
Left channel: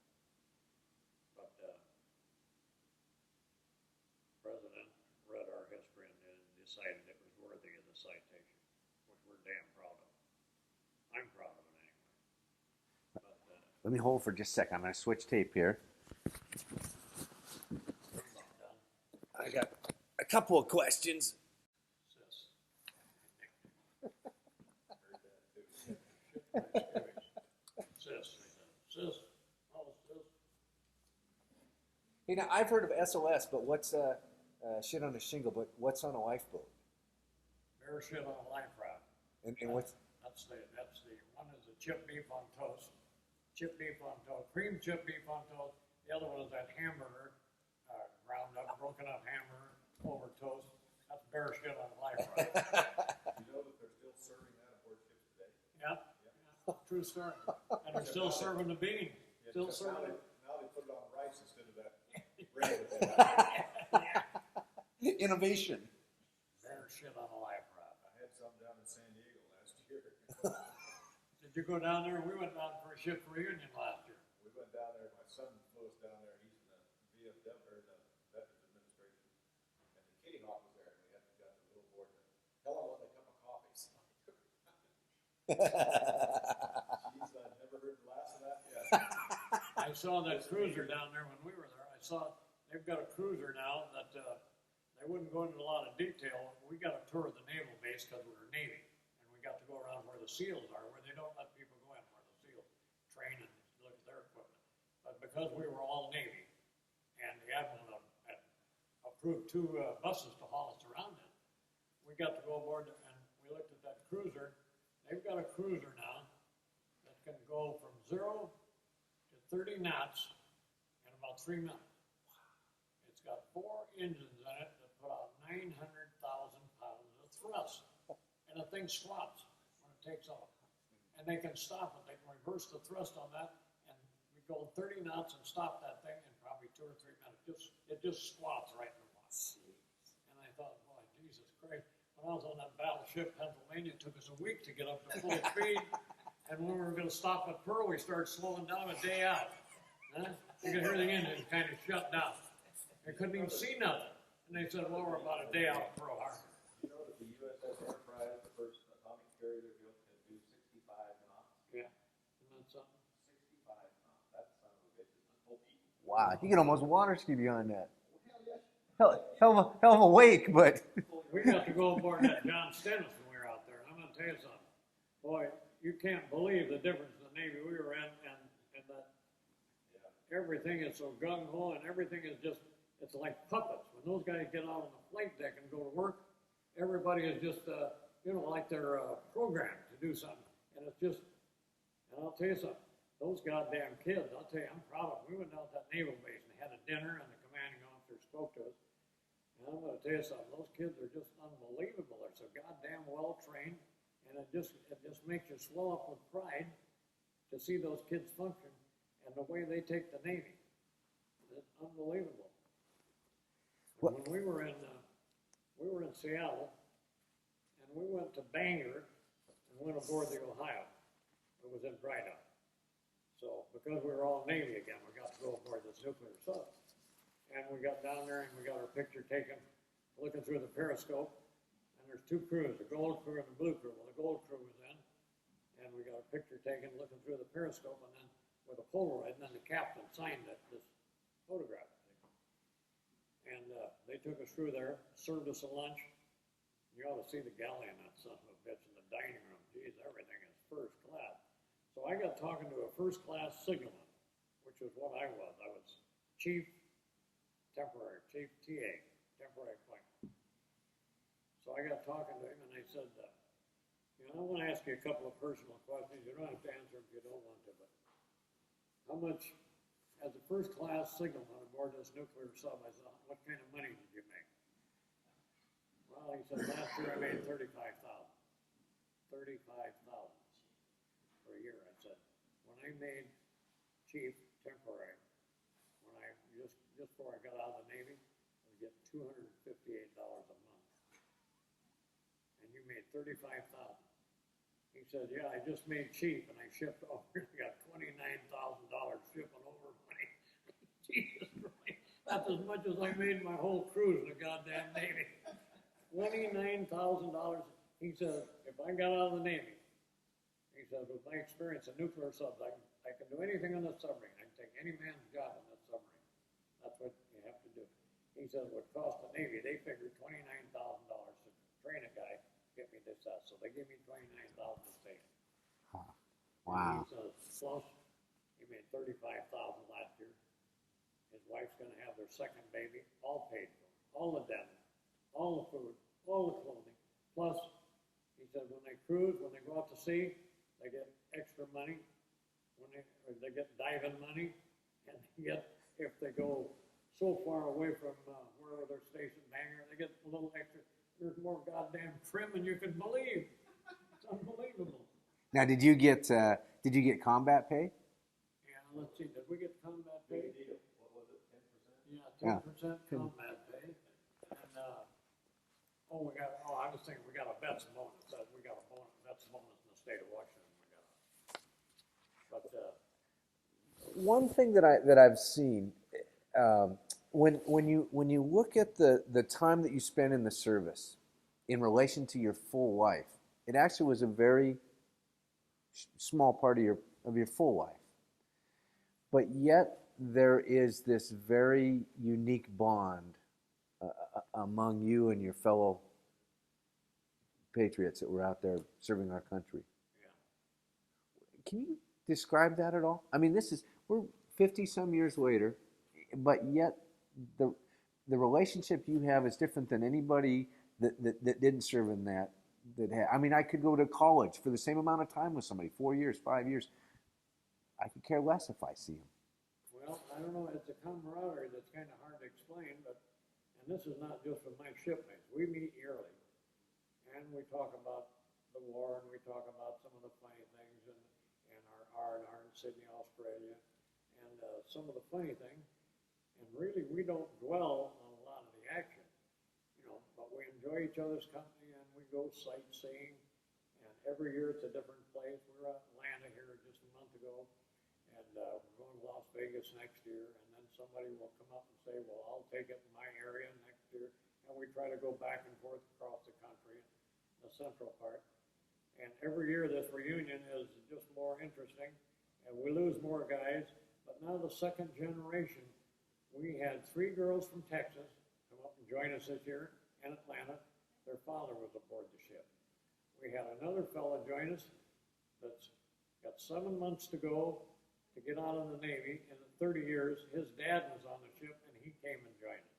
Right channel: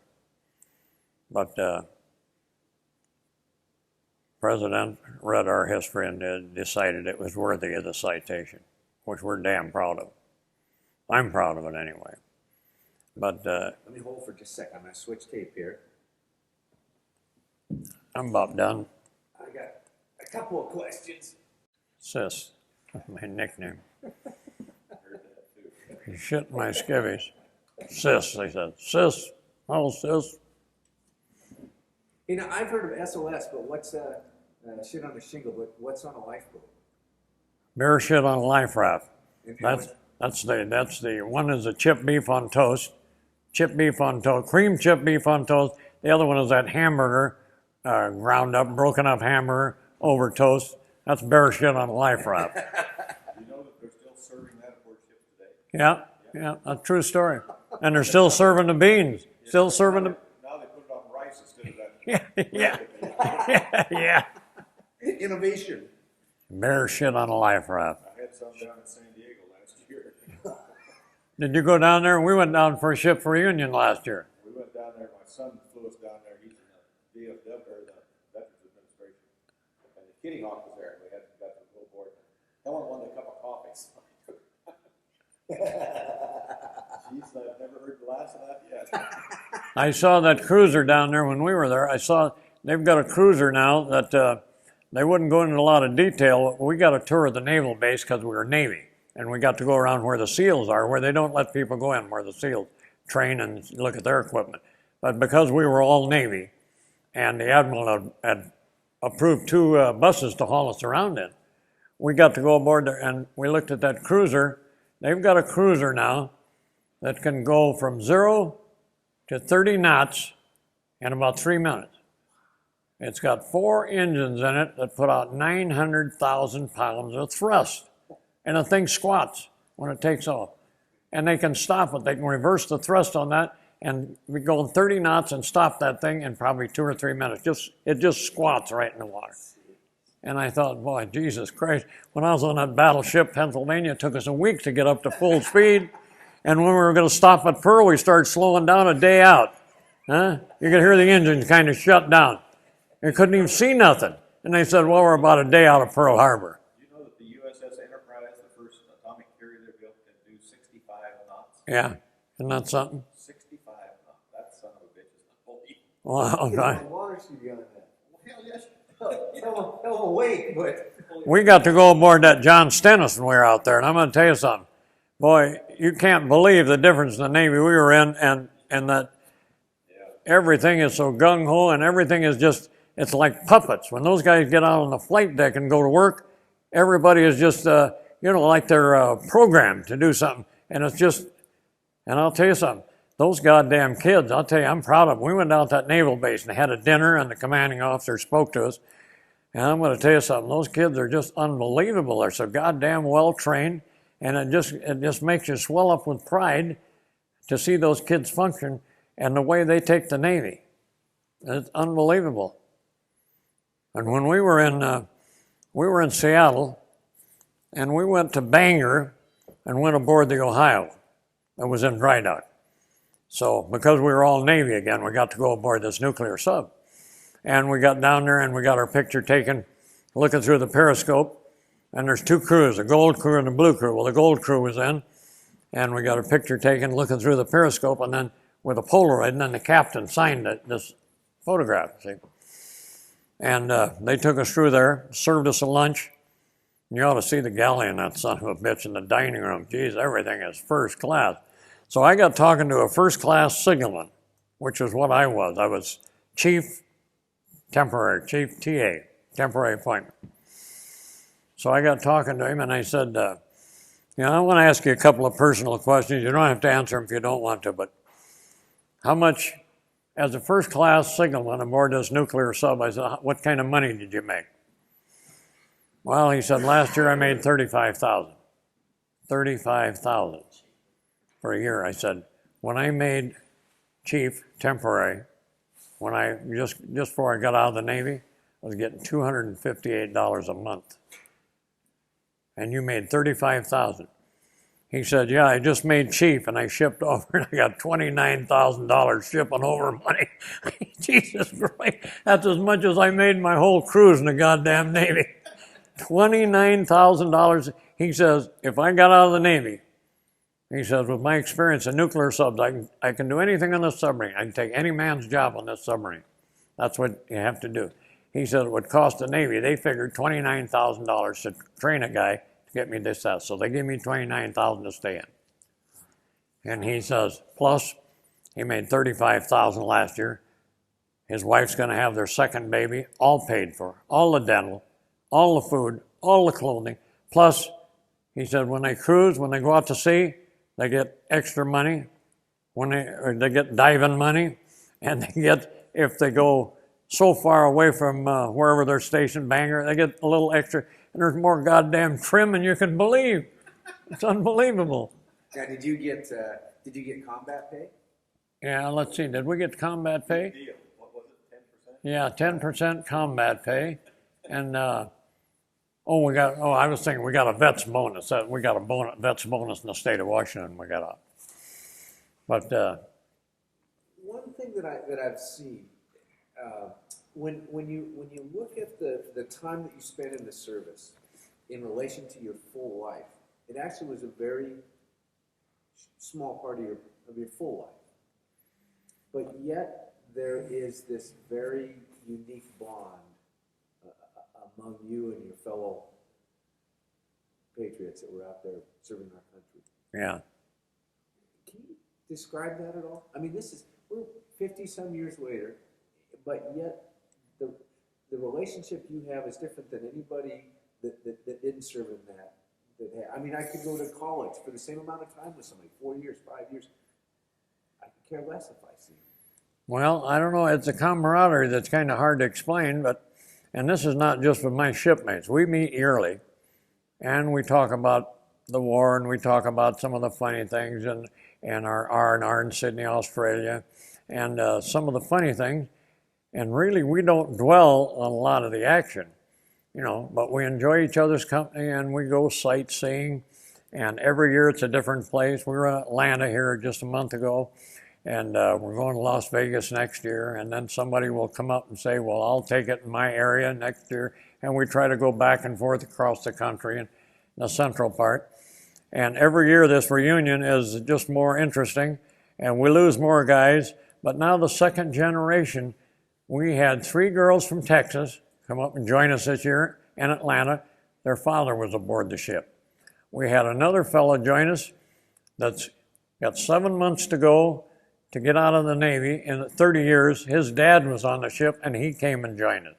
But President read our history and decided it was worthy of the citation, which we're damn proud of. I'm proud of it anyway. But let me hold for just a second. I'm going to switch tape here. I'm about done. I got a couple of questions. Sis, my nickname. You shit my skivvies. Sis, they said. Sis, oh sis. You know, I've heard of SOS, but what's shit on a shingle? But what's on a lifeboat? Bear shit on a life raft. And That's the one is a chipped beef on toast, cream chipped beef on toast. The other one is that hamburger, ground up, broken up hamburger over toast. That's bear shit on a life raft. You know that they're still serving that aboard ships today? Yeah, a true story. And they're still serving the beans, still serving the. Now they put it on rice instead of that. Yeah. Innovation. Bear shit on a life raft. I had some down in San Diego last year. Did you go down there? We went down for a ship reunion last year. We went down there, my son flew us down there, he's in the VFW, or the Veterans Administration. And the Kitty Hawk was there, and we got to go aboard. Helen won a cup of coffee. So She's never heard the last of that yet. I saw that cruiser down there when we were there. I saw they've got a cruiser now that they wouldn't go into a lot of detail. We got a tour of the naval base because we were Navy, and we got to go around where the SEALs are, where they don't let people go in, where the SEALs train and look at their equipment. But because we were all Navy, and the Admiral had approved 2 buses to haul us around in, we got to go aboard there, and we looked at that cruiser. They've got a cruiser now that can go from 0 to 30 knots in about 3 minutes. It's got 4 engines in it that put out 900,000 pounds of thrust. And the thing squats when it takes off. And they can stop it. They can reverse the thrust on that and we go 30 knots and stop that thing in probably 2 or 3 minutes. It just squats right in the water. And I thought, boy, Jesus Christ, when I was on that battleship, Pennsylvania, it took us a week to get up to full speed. And when we were going to stop at Pearl, we started slowing down a day out. Huh? You could hear the engines kind of shut down. You couldn't even see nothing. And they said, well, we're about a day out of Pearl Harbor. You know that the USS Enterprise, the first atomic carrier they built, can do 65 knots? Yeah, isn't that something? 65 knots. That son of a bitch is unbelievable. Wow. You know, water ski behind that. Hell yes. Hell of a wake, but We got to go aboard that John Stennis when we were out there, and I'm going to tell you something. Boy, you can't believe the difference in the Navy we were in, and that everything is so gung-ho, and everything is just, it's like puppets. When those guys get out on the flight deck and go to work, everybody is just, like they're programmed to do something. And it's just, and I'll tell you something, those goddamn kids, I'll tell you, I'm proud of them. We went down to that naval base and had a dinner, and the commanding officer spoke to us. And I'm going to tell you something, those kids are just unbelievable. They're so goddamn well-trained, and it just makes you swell up with pride to see those kids function and the way they take the Navy. It's unbelievable. And when we were in Seattle, and we went to Bangor and went aboard the Ohio. It was in dry dock. So because we were all Navy again, we got to go aboard this nuclear sub. And we got down there and we got our picture taken looking through the periscope. And there's 2 crews, the gold crew and the blue crew. Well, the gold crew was in, and we got our picture taken looking through the periscope, and then with a Polaroid, and then the captain signed this photograph, see. And they took us through there, served us a lunch. And you ought to see the galley in that son of a bitch in the dining room. Geez, everything is first class. So I got talking to a first-class signalman, which is what I was. I was chief TA, temporary appointment. So I got talking to him, and I said, I want to ask you a couple of personal questions. You don't have to answer them if you don't want to, but how much, as a first-class signalman aboard this nuclear sub, I said, what kind of money did you make? Well, he said, last year I made $35,000. $35,000 for a year. I said, when I made chief temporary, when I just before I got out of the Navy, I was getting $258 a month. And you made $35,000. He said, yeah, I just made chief and I shipped over and I got $29,000 shipping over money. Jesus Christ, that's as much as I made my whole cruise in the goddamn Navy. $29,000. He says, if I got out of the Navy, he says, with my experience in nuclear subs, I can do anything on this submarine. I can take any man's job on this submarine. That's what you have to do. He said it would cost the Navy, they figured $29,000 to train a guy to get me this, that. So they gave me $29,000 to stay in. And he says, plus, he made $35,000 last year. His wife's going to have their second baby, all paid for, all the dental, all the food, all the clothing. Plus, he said, when they cruise, when they go out to sea, they get extra money. When they get diving money, and they get, if they go so far away from wherever they're stationed, Bangor, they get a little extra, and there's more goddamn trim than you can believe. It's unbelievable. Now, did you get combat pay? Yeah, let's see, did we get combat pay? Deal. What was it, 10%? Yeah, 10% combat pay, and I was thinking we got a vet's bonus. We got a vet's bonus in the state of Washington. We got a, but One thing that I've seen, when you look at the time that you spend in the service in relation to your full life, it actually was a very small part of your full life. But yet there is this very unique bond among you and your fellow patriots that were out there serving our country. yeah. Can you describe that at all? I mean, we're 50-some years later, but yet the relationship you have is different than anybody that didn't serve in that had. I mean, I could go to college for the same amount of time with somebody, 4 years, 5 years. I could care less if I see them. Well, I don't know. It's a camaraderie that's kind of hard to explain, and this is not just with my shipmates. We meet yearly, and we talk about the war, and we talk about some of the funny things, and our R&R in Sydney, Australia, and some of the funny things. And really, we don't dwell on a lot of the action, but we enjoy each other's company, and we go sightseeing. And every year it's a different place. We were in Atlanta here just a month ago, and we're going to Las Vegas next year. And then somebody will come up and say, well, I'll take it in my area next year. And we try to go back and forth across the country in the central part. And every year this reunion is just more interesting, and we lose more guys. But now the second generation, we had 3 girls from Texas come up and join us this year in Atlanta. Their father was aboard the ship. We had another fellow join us that's got 7 months to go to get out of the Navy. In 30 years, his dad was on the ship, and he came and joined us.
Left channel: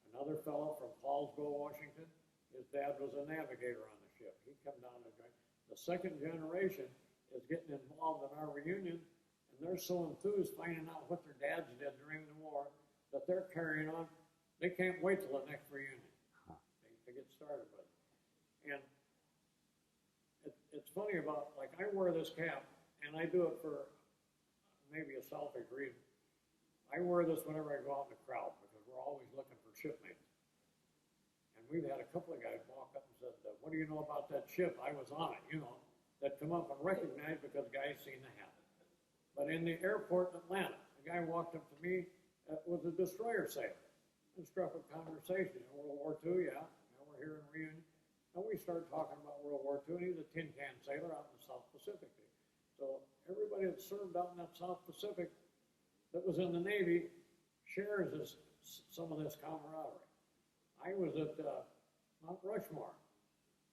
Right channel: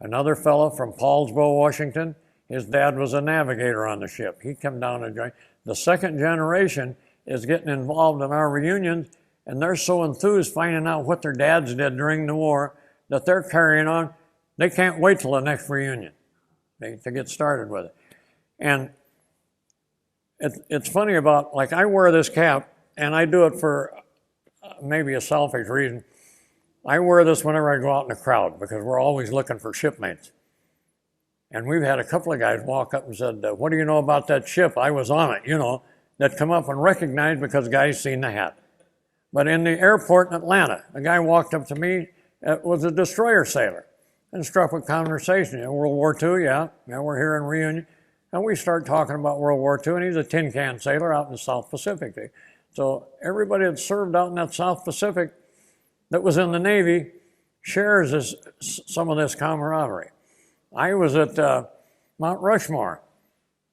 Another fellow from Paulsbo, Washington, his dad was a navigator on the ship. He came down and joined. The second generation is getting involved in our reunions, and they're so enthused finding out what their dads did during the war that they're carrying on. They can't wait till the next reunion to get started with it. And it's funny about, like, I wear this cap, and I do it for maybe a selfish reason. I wear this whenever I go out in a crowd because we're always looking for shipmates. And we've had a couple of guys walk up and said, what do you know about that ship? I was on it, that come up and recognized because guys seen the hat. But in the airport in Atlanta, a guy walked up to me, was a destroyer sailor, and struck a conversation. World War II, yeah, we're here in reunion. And we start talking about World War II, and he's a tin can sailor out in the South Pacific. So everybody that served out in that South Pacific that was in the Navy shares some of this camaraderie. I was at Mount Rushmore,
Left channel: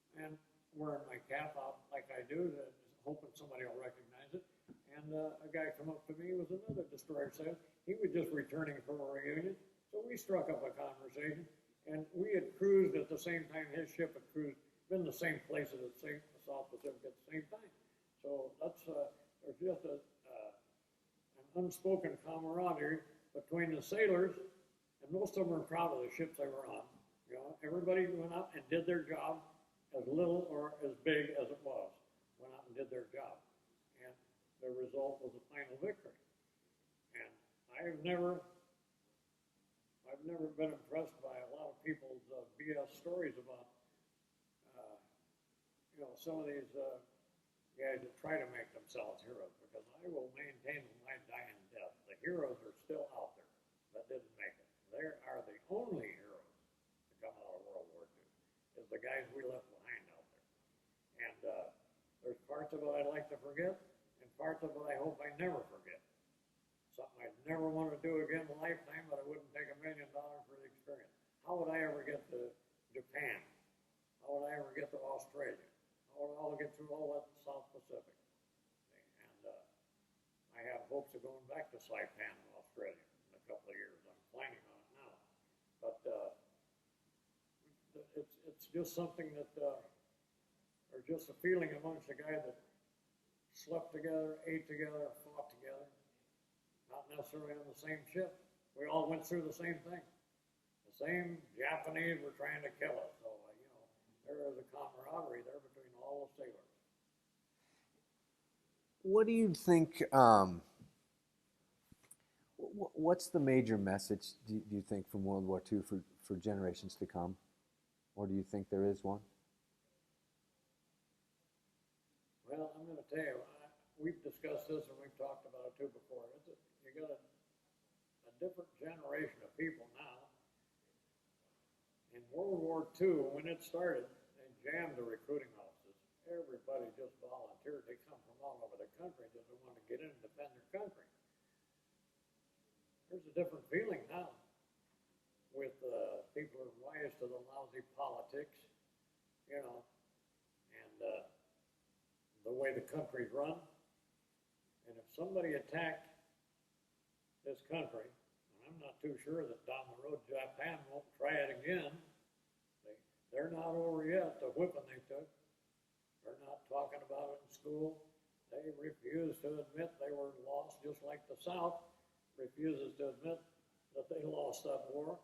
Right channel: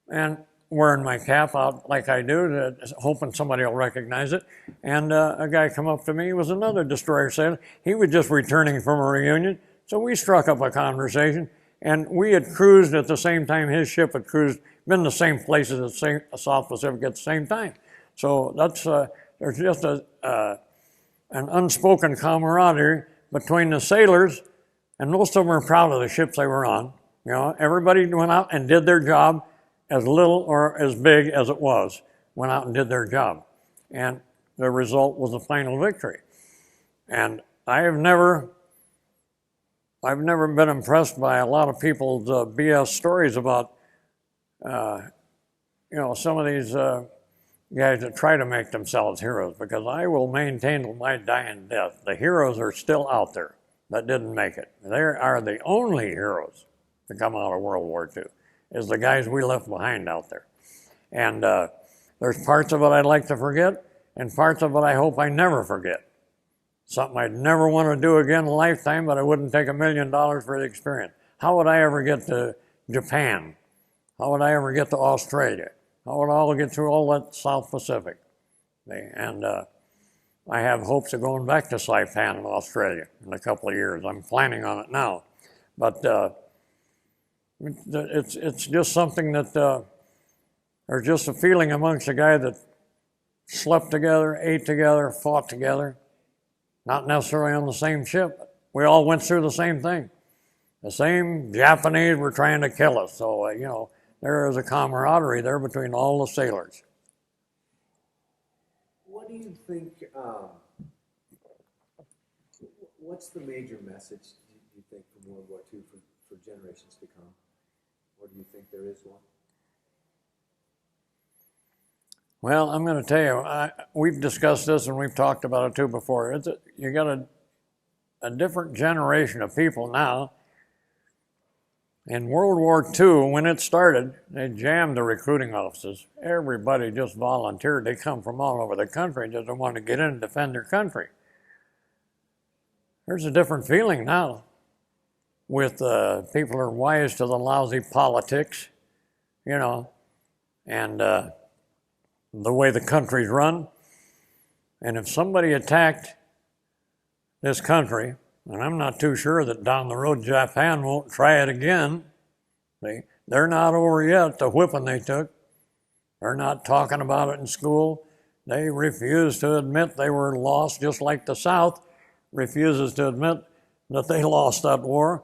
and wearing my cap out like I do, hoping somebody will recognize it. And a guy come up to me, he was another destroyer sailor. He was just returning from a reunion, so we struck up a conversation. And we had cruised at the same time his ship had cruised, been the same places as the South Pacific at the same time. So that's, there's just an unspoken camaraderie between the sailors, and most of them were proud of the ships they were on. Everybody went out and did their job, as little or as big as it was, went out and did their job. And the result was a final victory. And I've never been impressed by a lot of people's BS stories about, some of these guys that try to make themselves heroes, because I will maintain till my dying death, the heroes are still out there that didn't make it. They are the only heroes to come out of World War II, is the guys we left behind out there. And there's parts of it I'd like to forget, and parts of it I hope I never forget. Something I'd never want to do again in a lifetime, but I wouldn't take $1 million for the experience. How would I ever get to Japan? How would I ever get to Australia? How would I all get through all that South Pacific? And I have hopes of going back to Saipan in Australia in a couple of years. I'm planning on it now. But it's just something that there's just a feeling amongst the guys that slept together, ate together, fought together. Not necessarily on the same ship. We all went through the same thing. The same Japanese were trying to kill us. So, there is a camaraderie there between all the sailors. What do you think, what's the major message, do you think, from World War II for generations to come? Or do you think there is one? Well, I'm going to tell you, we've discussed this and we've talked about it too before. You got a different generation of people now. In World War II, when it started, they jammed the recruiting offices. Everybody just volunteered. They come from all over the country, just want to get in and defend their country. There's a different feeling now with people are wise to the lousy politics, and the way the country's run. And if somebody attacked this country, and I'm not too sure that down the road Japan won't try it again. They're not over yet, the whipping they took. They're not talking about it in school. They refuse to admit they were lost, just like the South. refuses to admit that they lost that war.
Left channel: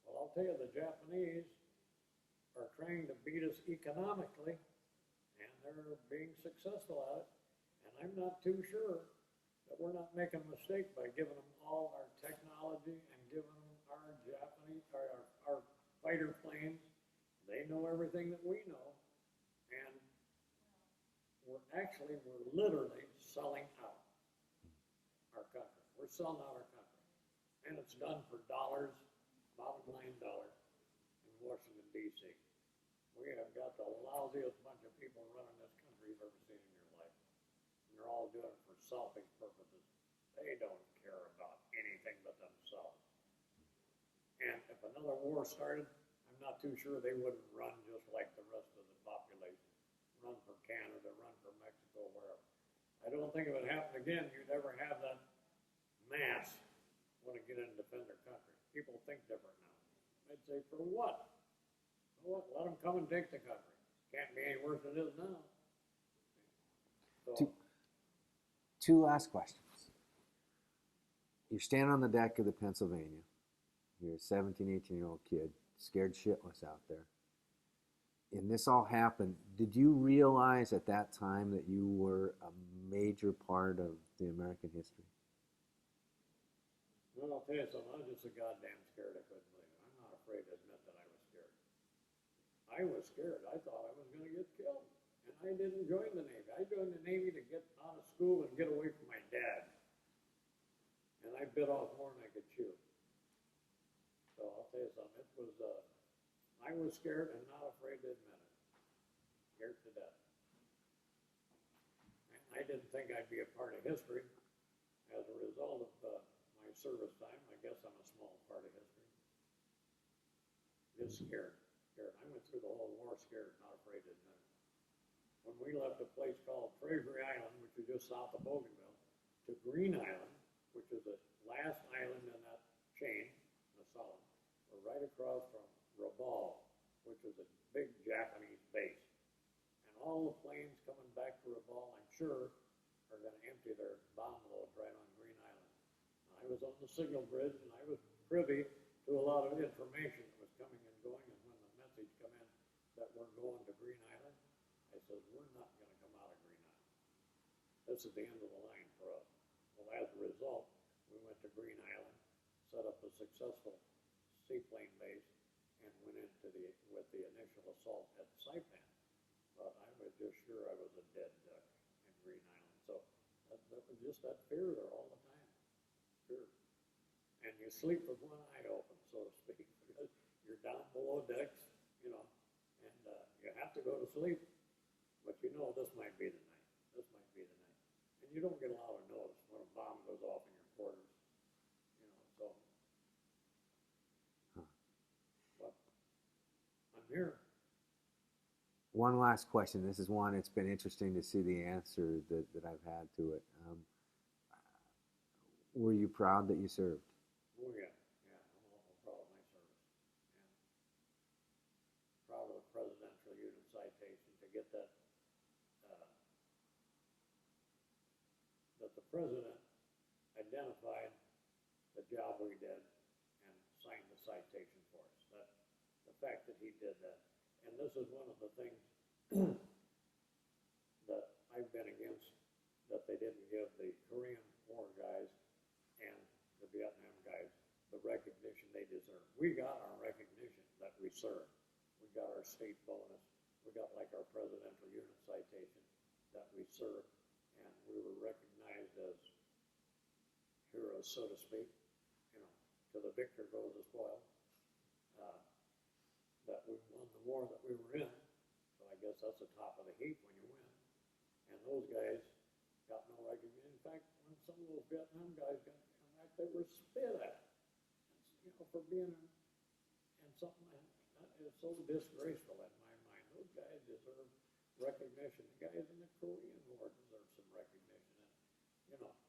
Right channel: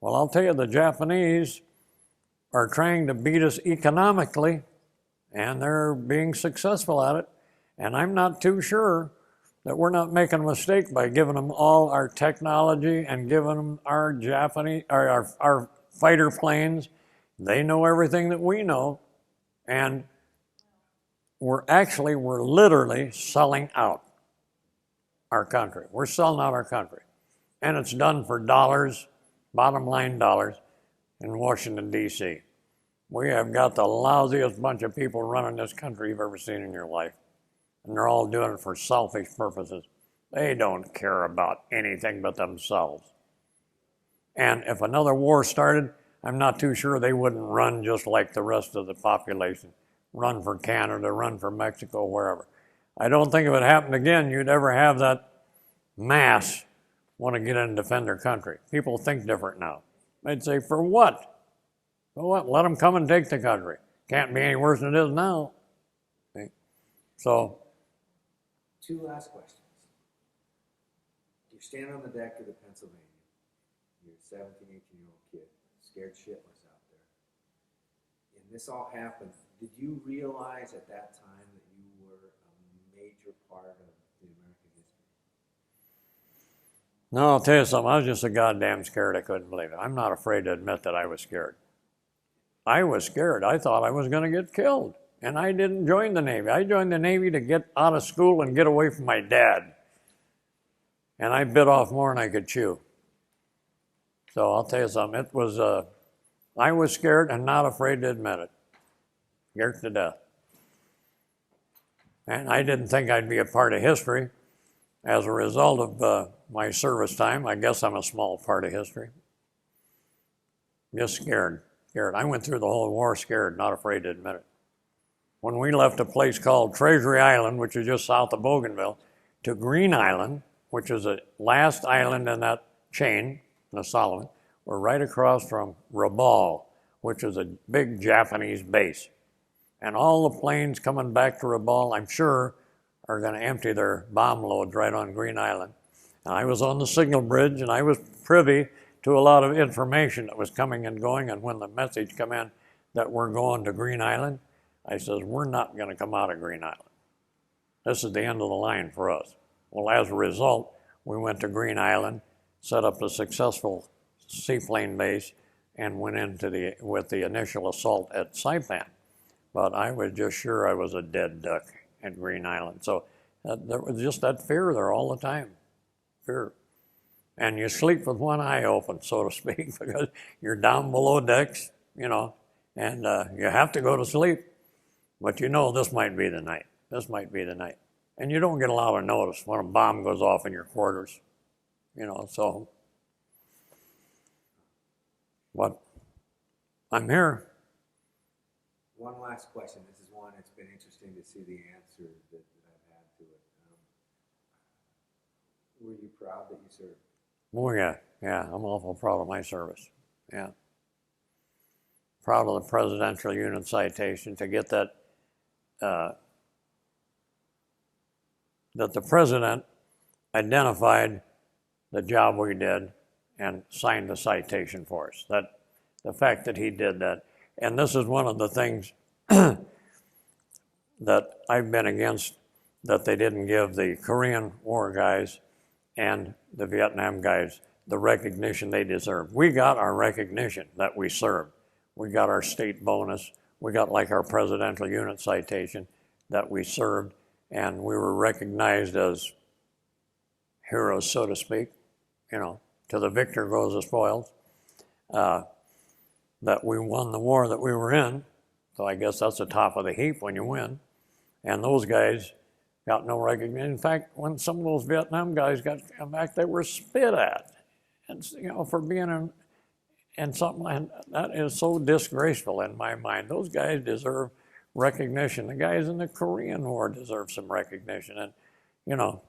Well, I'll tell you, the Japanese are trying to beat us economically, and they're being successful at it. And I'm not too sure that we're not making a mistake by giving them all our technology and giving them our our fighter planes. They know everything that we know, and we're literally selling out our country. We're selling out our country. And it's done for dollars, bottom line dollars, in Washington, D.C. We have got the lousiest bunch of people running this country you've ever seen in your life. And they're all doing it for selfish purposes. They don't care about anything but themselves. And if another war started, I'm not too sure they wouldn't run just like the rest of the population. Run for Canada, run for Mexico, wherever. I don't think if it happened again, you'd ever have that mass want to get in and defend their country. People think different now. They'd say, for what? For what? Let them come and take the country. Can't be any worse than it is now. Okay? So, two last questions. You're standing on the deck of the Pennsylvania. You're a 17, 18-year-old kid, scared shitless out there. And this all happened. Did you realize at that time that you were a major part of the American history? no, I'll tell you something. I was just so goddamn scared I couldn't believe it. I'm not afraid to admit that I was scared. I was scared. I thought I was going to get killed. And I didn't join the Navy. I joined the Navy to get out of school and get away from my dad. And I bit off more than I could chew. So I'll tell you something. It was, I was scared and not afraid to admit it. Scared to death. And I didn't think I'd be a part of history. As a result of my service time, I guess I'm a small part of history. Just scared. I went through the whole war scared, not afraid to admit it. When we left a place called Treasury Island, which is just south of Bougainville, to Green Island, which is the last island in that chain, the Solomon, we're right across from Rabaul, which is a big Japanese base. And all the planes coming back to Rabaul, I'm sure, are going to empty their bomb loads right on Green Island. And I was on the signal bridge, and I was privy to a lot of information that was coming and going. And when the message came in that we're going to Green Island, I says, we're not going to come out of Green Island. This is the end of the line for us. Well, as a result, we went to Green Island, set up a successful seaplane base, and went into with the initial assault at Saipan. But I was just sure I was a dead duck at Green Island. So there was just that fear there all the time, fear. And you sleep with one eye open, so to speak, because you're down below decks, you know, and you have to go to sleep. But you know this might be the night. This might be the night. And you don't get a lot of notice when a bomb goes off in your quarters, you know, so. But I'm here. One last question. This is one, it's been interesting to see the answer that I've had to it. Were you proud that you served? Oh, yeah. I'm awful proud of my service. Yeah. Proud of the Presidential Unit Citation to get that, that the President identified the job we did and signed the citation for us. That the fact that he did that. And this is one of the things that I've been against, that they didn't give the Korean War guys and the Vietnam guys the recognition they deserve. We got our recognition that we served. We got our state bonus. We got like our Presidential Unit Citation that we served, and we were recognized as heroes, so to speak. You know, to the victor goes the spoils. That we won the war that we were in. So I guess that's the top of the heap when you win. And those guys got no recognition. In fact, when some of those Vietnam guys got come back, they were spit at. And, you know, for being in something like that is so disgraceful in my mind. Those guys deserve recognition. The guys in the Korean War deserve some recognition. And, you know,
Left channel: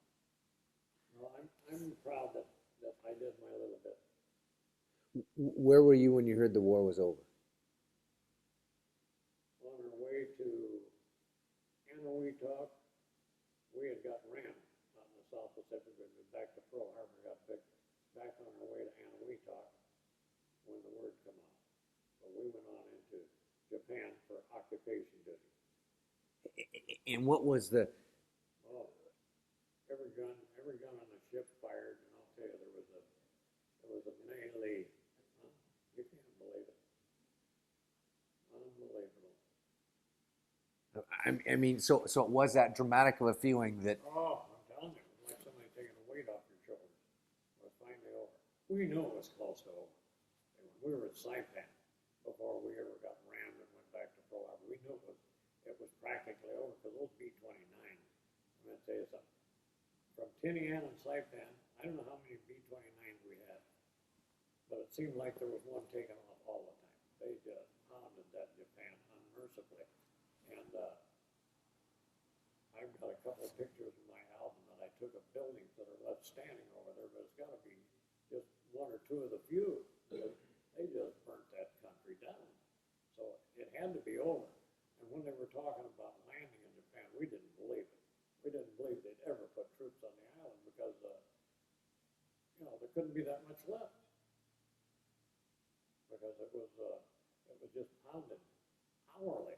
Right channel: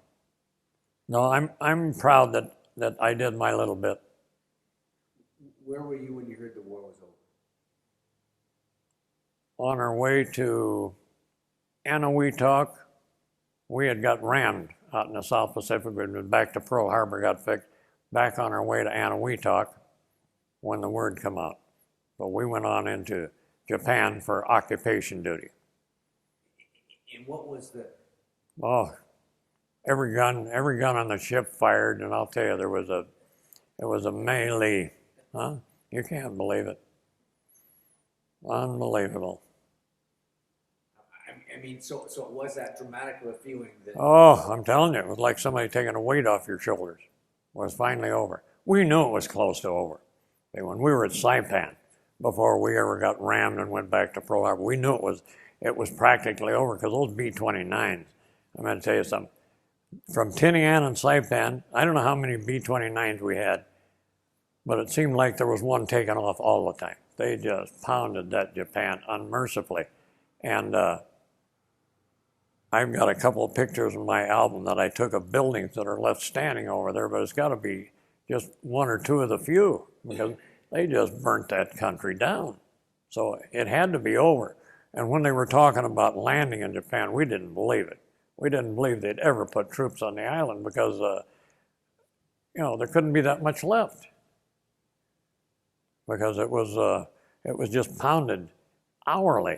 no, I'm proud that I did my little bit. Where were you when you heard the war was over? On our way to Eniwetok, we had got rammed out in the South Pacific. We'd been back to Pearl Harbor, got fixed, back on our way to Anahuac when the word come out. But we went on into Japan for occupation duty. And what was the? Oh, every gun on the ship fired, and I'll tell you, it was a melee, huh? You can't believe it. Unbelievable. I mean, so it was that dramatic of a feeling that. Oh, I'm telling you, it was like somebody taking a weight off your shoulders. It was finally over. We knew it was close to over. See, when we were at Saipan, before we ever got rammed and went back to Pearl Harbor, we knew it was practically over, because those B-29s, I'm going to tell you something. From Tinian and Saipan, I don't know how many B-29s we had, but it seemed like there was one taken off all the time. They just pounded that Japan unmercifully. And I've got a couple of pictures in my album that I took of buildings that are left standing over there, but it's got to be just one or two of the few, because they just burnt that country down. So it had to be over. And when they were talking about landing in Japan, we didn't believe it. We didn't believe they'd ever put troops on the island, because, there couldn't be that much left, because it was just pounded hourly.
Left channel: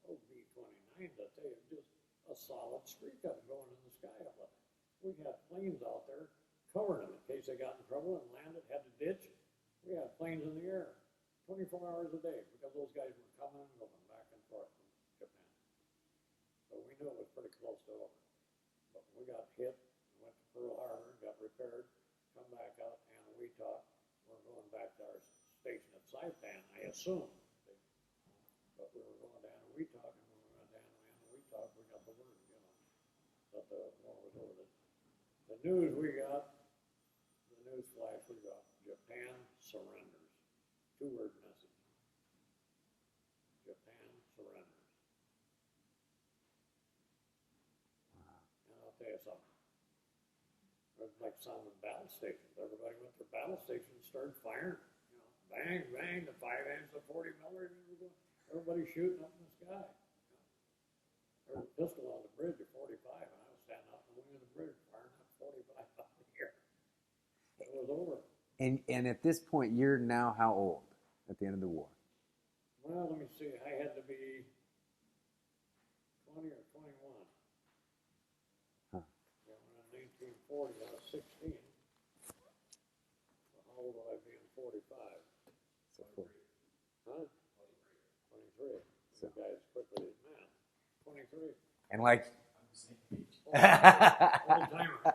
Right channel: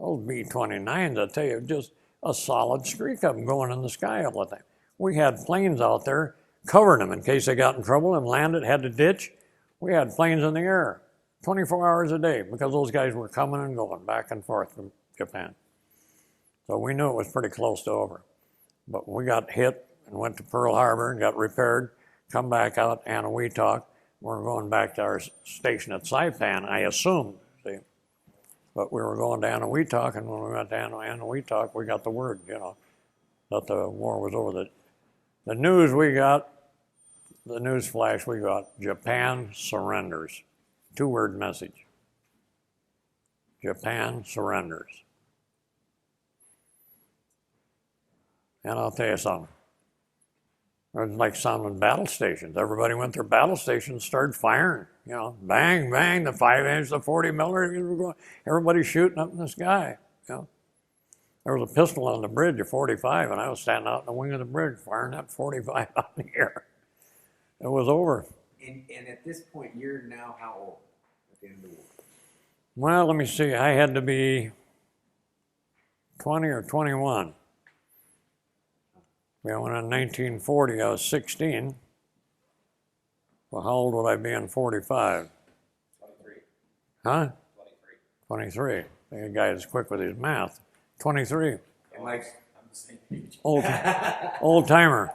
Those B-29s, I tell you, just a solid streak of them going in the sky all the time. We had planes out there covering them in case they got in trouble and landed, had to ditch. We had planes in the air 24 hours a day, because those guys were coming and going back and forth from Japan. So we knew it was pretty close to over. But we got hit and went to Pearl Harbor and got repaired, come back out, Anahuac. We're going back to our station at Saipan, I assume, see. But we were going to Anahuac, and when we went to Anahuac, we got the word, that the war was over. The news we got, the news flash we got, Japan surrenders. 2-word message. Japan surrenders. And I'll tell you something. It was like sounding battle stations. Everybody went to their battle stations, started firing. Bang, bang, the 5-inch, the 40 millimeter, everybody shooting up in the sky. There was a pistol on the bridge, a 45, and I was standing out in the wing of the bridge firing that 45 out in the air. It was over. And at this point, you're now how old at the end of the war? Well, let me see. I had to be 20 or 21. When in 1940, I was 16. Well, how old would I be in 45? 23. Huh? 23. The guy is quick with his math. 23. And like, Old timer.